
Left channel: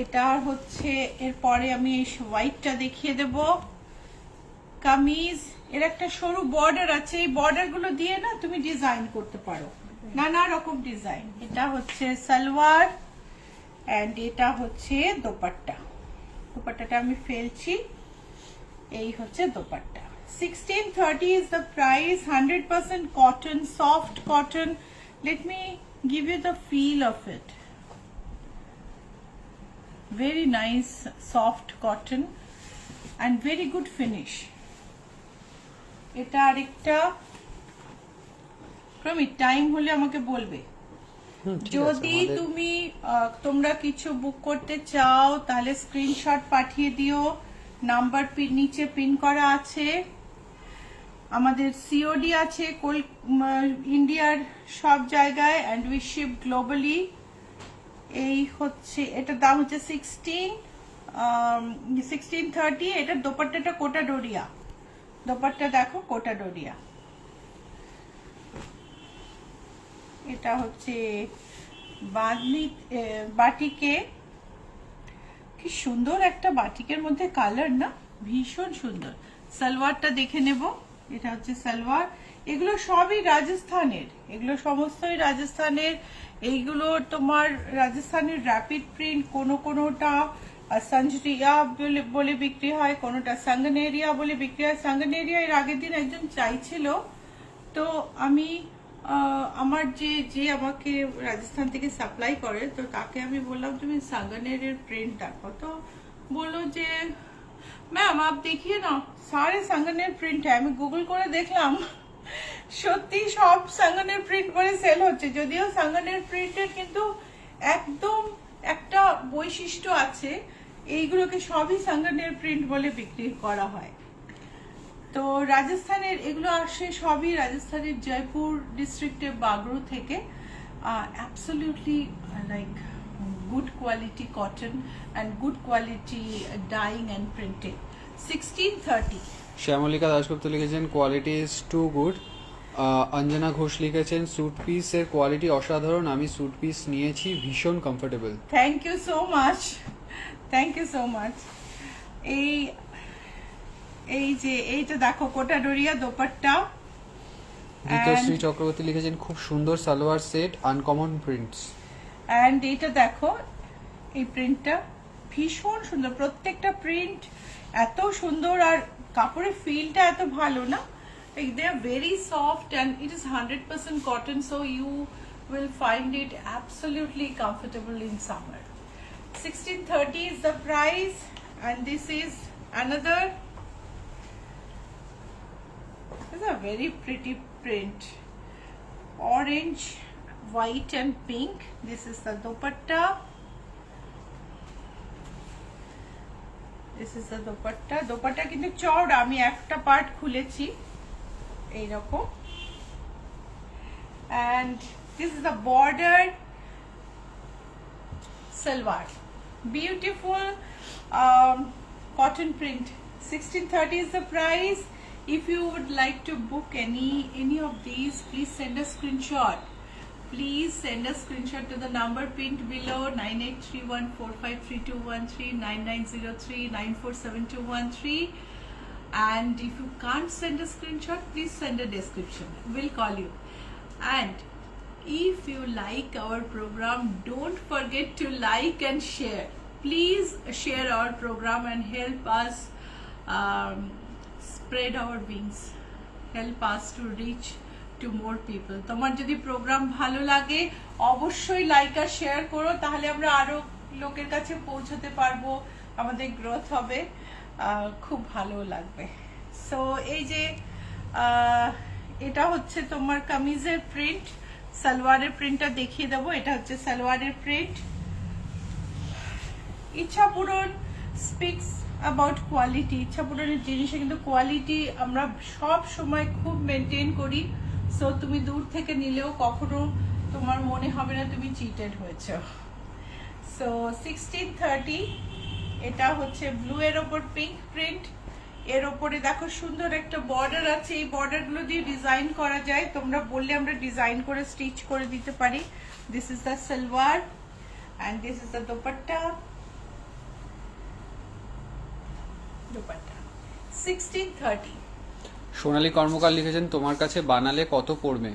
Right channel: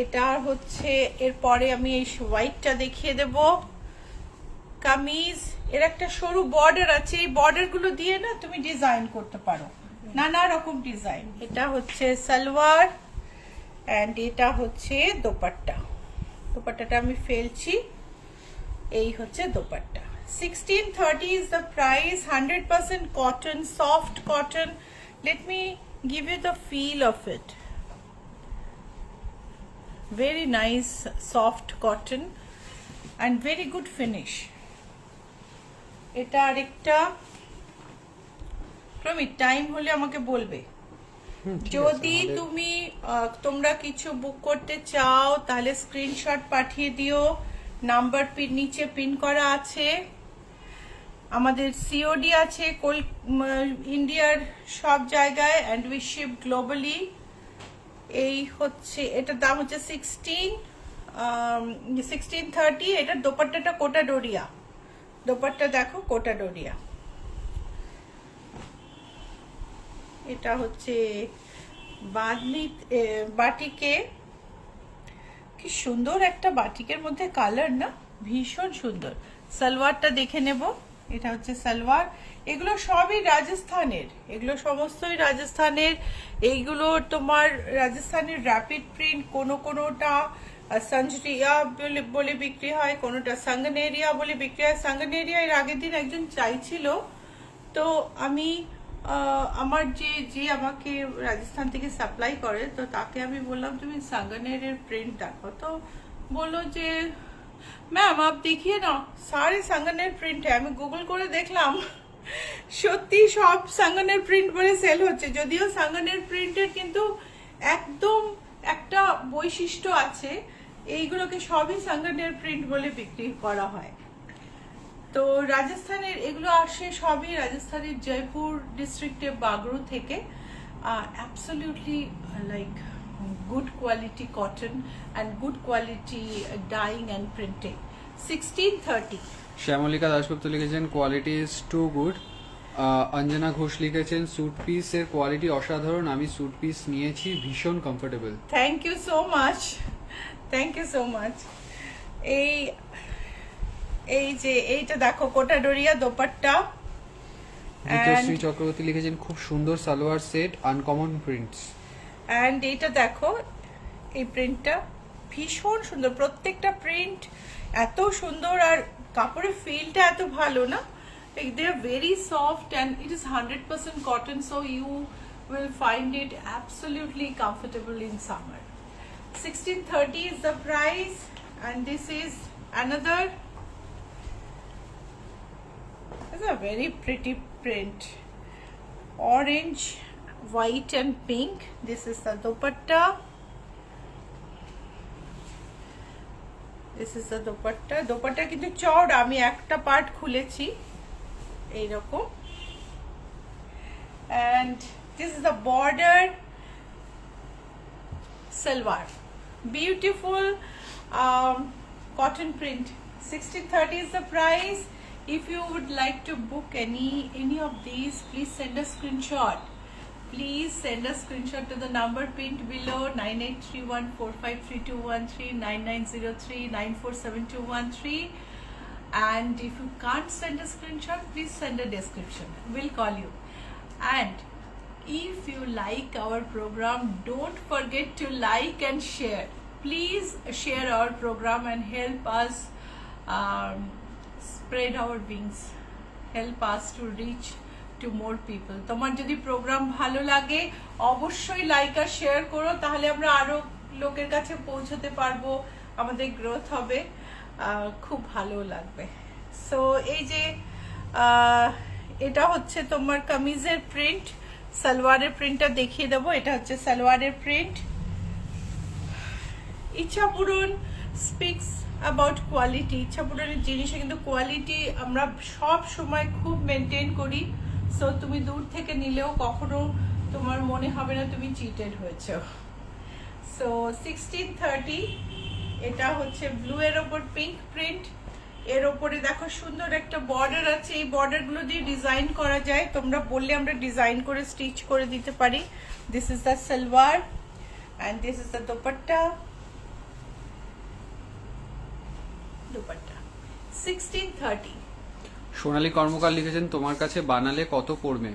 এটা হচ্ছে, এরপরে আমি এই হোয়াইটটা দেখিয়ে দেব। কামিজ, এর একটা সরু বর্ডার আছে, এই বর্ডার গুলো দিয়ে না তুমি ডিজাইন করতে পারো, নানা রকম ডিজাইন। এটা হচ্ছে সালোয়ার, এন্ড এটা হচ্ছে দোপাট্টা। দোপাট্টাটা আমি ফেলছি, এই হচ্ছে dupatta. 1630 is the price, 100% cotton, soft cotton. Let me give you the feel of it. Very nice soft cotton and very good finish. এটা আরেকটা, প্রমি টাইম হলে আমাকে বলবে। যদি তুমি তোমরা কিছু বুক করতে চাও তাহলে স্ক্রিনশট পাঠিয়ে দিও, নাম্বার নিচে পিন করা আছে। আমাদের সিওডি আছে ইন্ডিয়ার সব জায়গায়, অ্যান্ড উই শিপ গ্লোবালি। এই হচ্ছে, এটার দাম হচ্ছে 1630। এটার দোপাট্টাটা কোটা ডোরিয়া, দোপাট্টা দেখো কোটা ডোরিয়া। এটা হচ্ছে বাঁধনি বাটিকে, কি সুন্দর একটা বাটিকের মধ্যে কালার না, ভীষণ সুন্দর। সালোয়ারটা দেখে নেব, এটা হচ্ছে সালোয়ার। এগুলো সবই রাজস্থানের, এগুলো সমস্তই রাজস্থানের। এইগুলো তোমার রাজস্থানের র্যাপিড প্রিন্ট, কোনোটা সঞ্জরিয়া বলে বিক্রি হয়, কোনোটা সাঙ্গনেরিয়া বলে বিক্রি হয়। সাঙ্গনেরিয়া এর আগের দিন একজন চাইছিল, তো আমি আমার যে আমাকে রাজস্থান থেকে সাপ্লাই করে, তো তাকে আমি বললাম তুমি সাঙ্গনেরের প্রিন্ট দেখো, তো বললো যে ম্যাম आप देखिए ना सारे संगनेर प्रिंट है। আমি গুগল করে দেখলাম, সত্যি সব সাঙ্গনের প্রিন্ট বলে সেল হচ্ছে। যদিও সাঙ্গনের প্রিন্টের কিন্তু একদম একটা বৈশিষ্ট্য আছে, এইগুলোকে সবই সাঙ্গনের প্রিন্ট বলে বিক্রি করা হয়। তো রাজস্থানের এগুলো আসে সবই রাজস্থানের জয়পুর ডিস্ট্রিক্টের বাগড়ু থেকে। Absolutely like good quality cotton and good quality dyeing and printing. 1630। Shyamalika Dasgupta লিখেছেন quality is too good. Anjana Ghosh লিখেছেন স্যুট পিসের কোয়ালিটি অসাধারণ, আমি স্যুট পিস নিয়েছি, ভীষণ comfortable. Thank you so much, thank you so much. এই যে এইটা দেখো কোটা ডোরিয়া দোপাট্টা। বিদ্যশ্রী চক্রবর্তী লিখেছেন খুব সুন্দর salwar set, uncommon prints. And এইটা দেখো, এই প্রিন্টটা ভীষণ সুন্দর, প্রত্যেকটা প্রিন্ট এত সুন্দর, আর কাপড়ের ফিলটা এত ভালো না, they are very soft and it is 100% cotton, so you will find it absolutely comfortable in summer. 1630 is the price, and this is another, it's a very pretty print, orange, white and pink. This is the dupatta, this is the dupatta. Dupatta কিন্তু চওড়া, আমি একটা part খুলেছি এইরকম। and this is the border salwar, beautiful cotton print. 1630 is the price. If you would like to book any of these, please send a screenshot. Please send a screenshot to the number pinned below, 9831453213, 9903947213. And if you can't send a screenshot, please send a description, we'll call you. And if you like our program, don't forget to like and share. Please share our program and help us spread our wings, help us to reach to more people. তোমার যদি programme ভালো লাগে অবশ্যই like আর share করো, তাহলে আমরা আরো লোকের কাছে পৌঁছতে পারবো, আমাদের গ্রোথ হবে, খুব ভালো লাগবে। সো এই যে এটা হচ্ছে তোমার কামিজের প্রিন্ট, সালোয়ারের প্রিন্টটা দেখিয়ে দেবো। এটা হচ্ছে সালোয়ারের প্রিন্ট। ইচ্ছা পূরণ স্পিক্স অ্যাবাউট কোয়ালিটি। ইচ্ছা পূরণের জিনিসে কিন্তু কোয়ালিটি আমরা সব সময় খুব মেনটেন করি, সো তুমি দূর থেকে নিলেও কখনো তোমার মনে হবে না তুমি চিটেড হয়েছো। সো 1630, এটা হচ্ছে ব্লু এর ওপর পিঙ্ক প্রিন্ট, এর ওপরে দেখো সুন্দর একটা বর্ডার আছে, এই বর্ডার গুলো দিয়ে ডিজাইন করা যায়, তোমরা বললে আমরা ডিজাইন করে স্টিচ করে দিতে পারি। This is the salwar and this is the dupatta. 1630। Sonali Karmakar লিখেছেন তোমার কাছে বানালে কত পড়বে?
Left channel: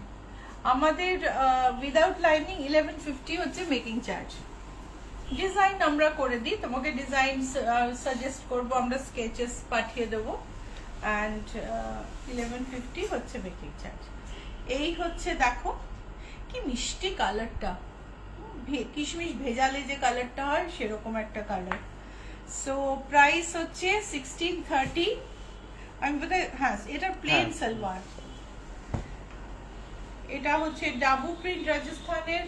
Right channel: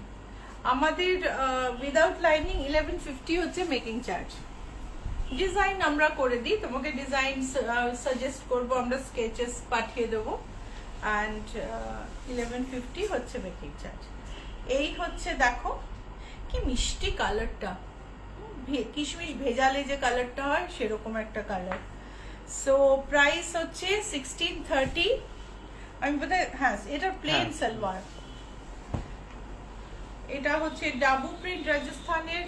আমাদের উইদাউট লাইনিং 1150 হচ্ছে মেকিং চার্জ। ডিজাইন আমরা করে দিই, তোমাকে ডিজাইন সাজেস্ট করব, আমরা স্কেচেস পাঠিয়ে দেবো, এন্ড 1150 হচ্ছে মেকিং চার্জ। এই হচ্ছে দেখো কি মিষ্টি কালারটা, কিশমিশ ভেজালে যে কালারটা হয় সেরকম একটা কালার। সো প্রাইস হচ্ছে 1630। আমি বোধহয়, হ্যাঁ এটা প্লেন সালোয়ার, এটা হচ্ছে ডাবু প্রিন্ট রাজস্থানের।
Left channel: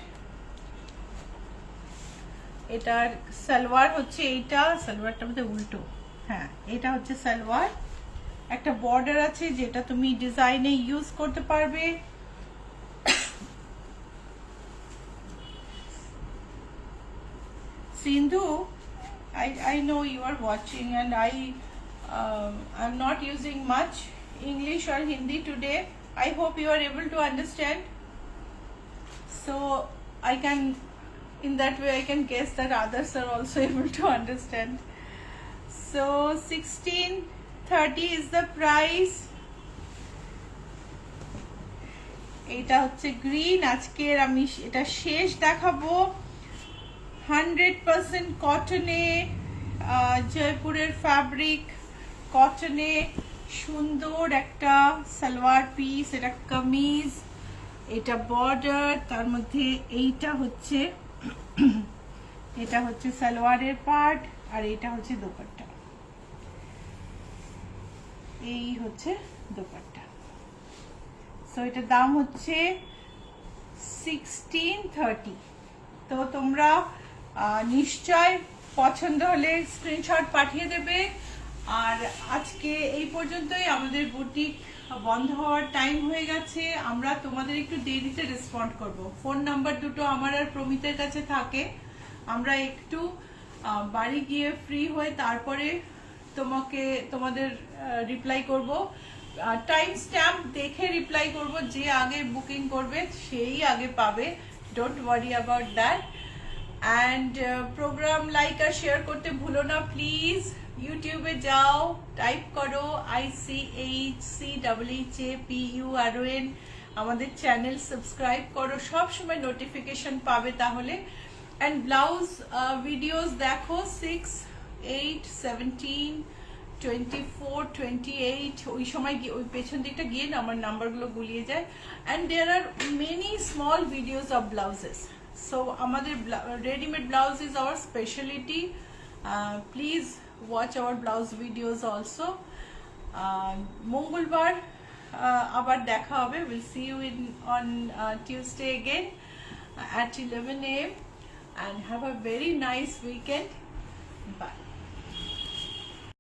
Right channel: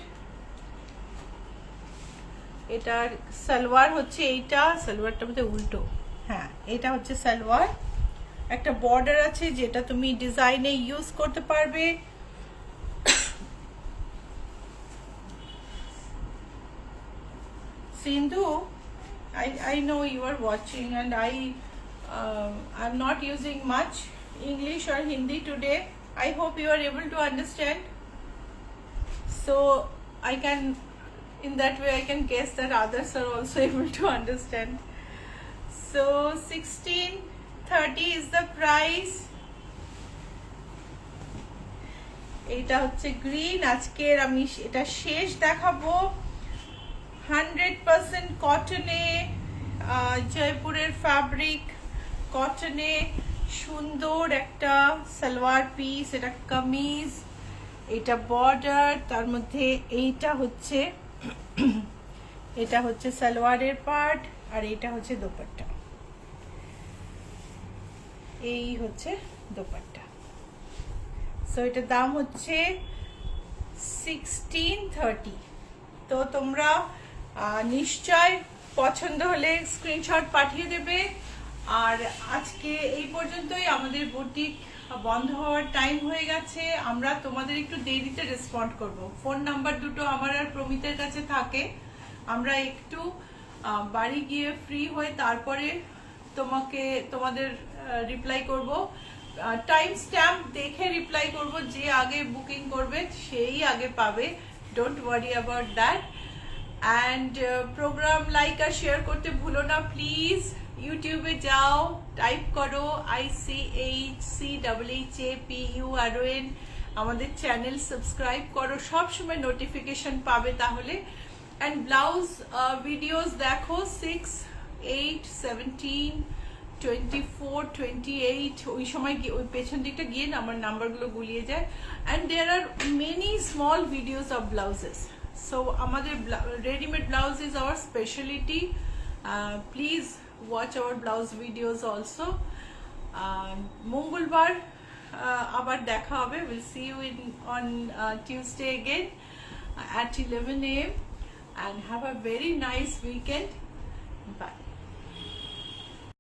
এটার সালোয়ার হচ্ছে এইটা, সালোয়ারটা বোধহয় উল্টো, হ্যাঁ এটা হচ্ছে সালোয়ার। একটা বর্ডার আছে যেটা তুমি ডিজাইনে ইউজ করতে পারবে। Sindhu, I know you are watching, and I'm not using much English or Hindi today. I hope you are able to understand. So I can, in that way, I can guess that others are also able to understand. So 1630 is the price. এটা হচ্ছে green. আজকের আমি এটা শেষ দেখাবো। 100% কটনে, জয়পুরের fabric, কটনে সুন্দর একটা সালোয়ার পিস, এটা কামিজ, এটা বর্ডার, তার মধ্যে এইটা হচ্ছে এটা হচ্ছে সালোয়ারের পার্ট, আর এটা হচ্ছে দোপাট্টা। এই হচ্ছে দোপাট্টা। সো এটার দাম হচ্ছে 1630। তো তোমরা নিশ্চয় পছন্দ হলে স্ক্রিনশট পাঠিয়ে দেবে। আর আজকে এই পর্যন্তই, আমাদের বুটিক বন্ধ হওয়ার টাইম হয়ে গেছে। আমরা তোমাদের একটু দেরিতে রেসপন্ড করব। ফোন নাম্বার দুটো আমার আর প্রমিতের কাছে থাকে। আমরা একটু বাড়ি গিয়ে ফ্রি হয়ে তারপরে তোমাদের রিপ্লাই করব। টাইম স্ট্যাম্প দেখে রিপ্লাই করব। যে আগে বুকিং করবে সেই আগে পাবে, don't worry about that. And programme like আর শেয়ার করতে ভুলো না প্লিজ। ইউটিউবে যাও, টাইপ করো ICHCHHAPURON, আমাদের চ্যানেল সাবস্ক্রাইব করো, সব সময় নোটিফিকেশন পাবে তাহলে। অ্যান্ড ব্লাউজ ভিডিওস দেখো 6, 8, 17, 24, 28, ওই সময় ওই পেছন দিকটা গিয়ে না আমার নাম্বারগুলো গুলিয়ে যায়। And there are many small videos of blouses. So আমাদের readymade blouse is our speciality. Please watch our blouse videos also. মঙ্গলবার আবার দেখা হবে। Will see you on Tuesday again at 11 AM, and have a very nice weekend. Bye.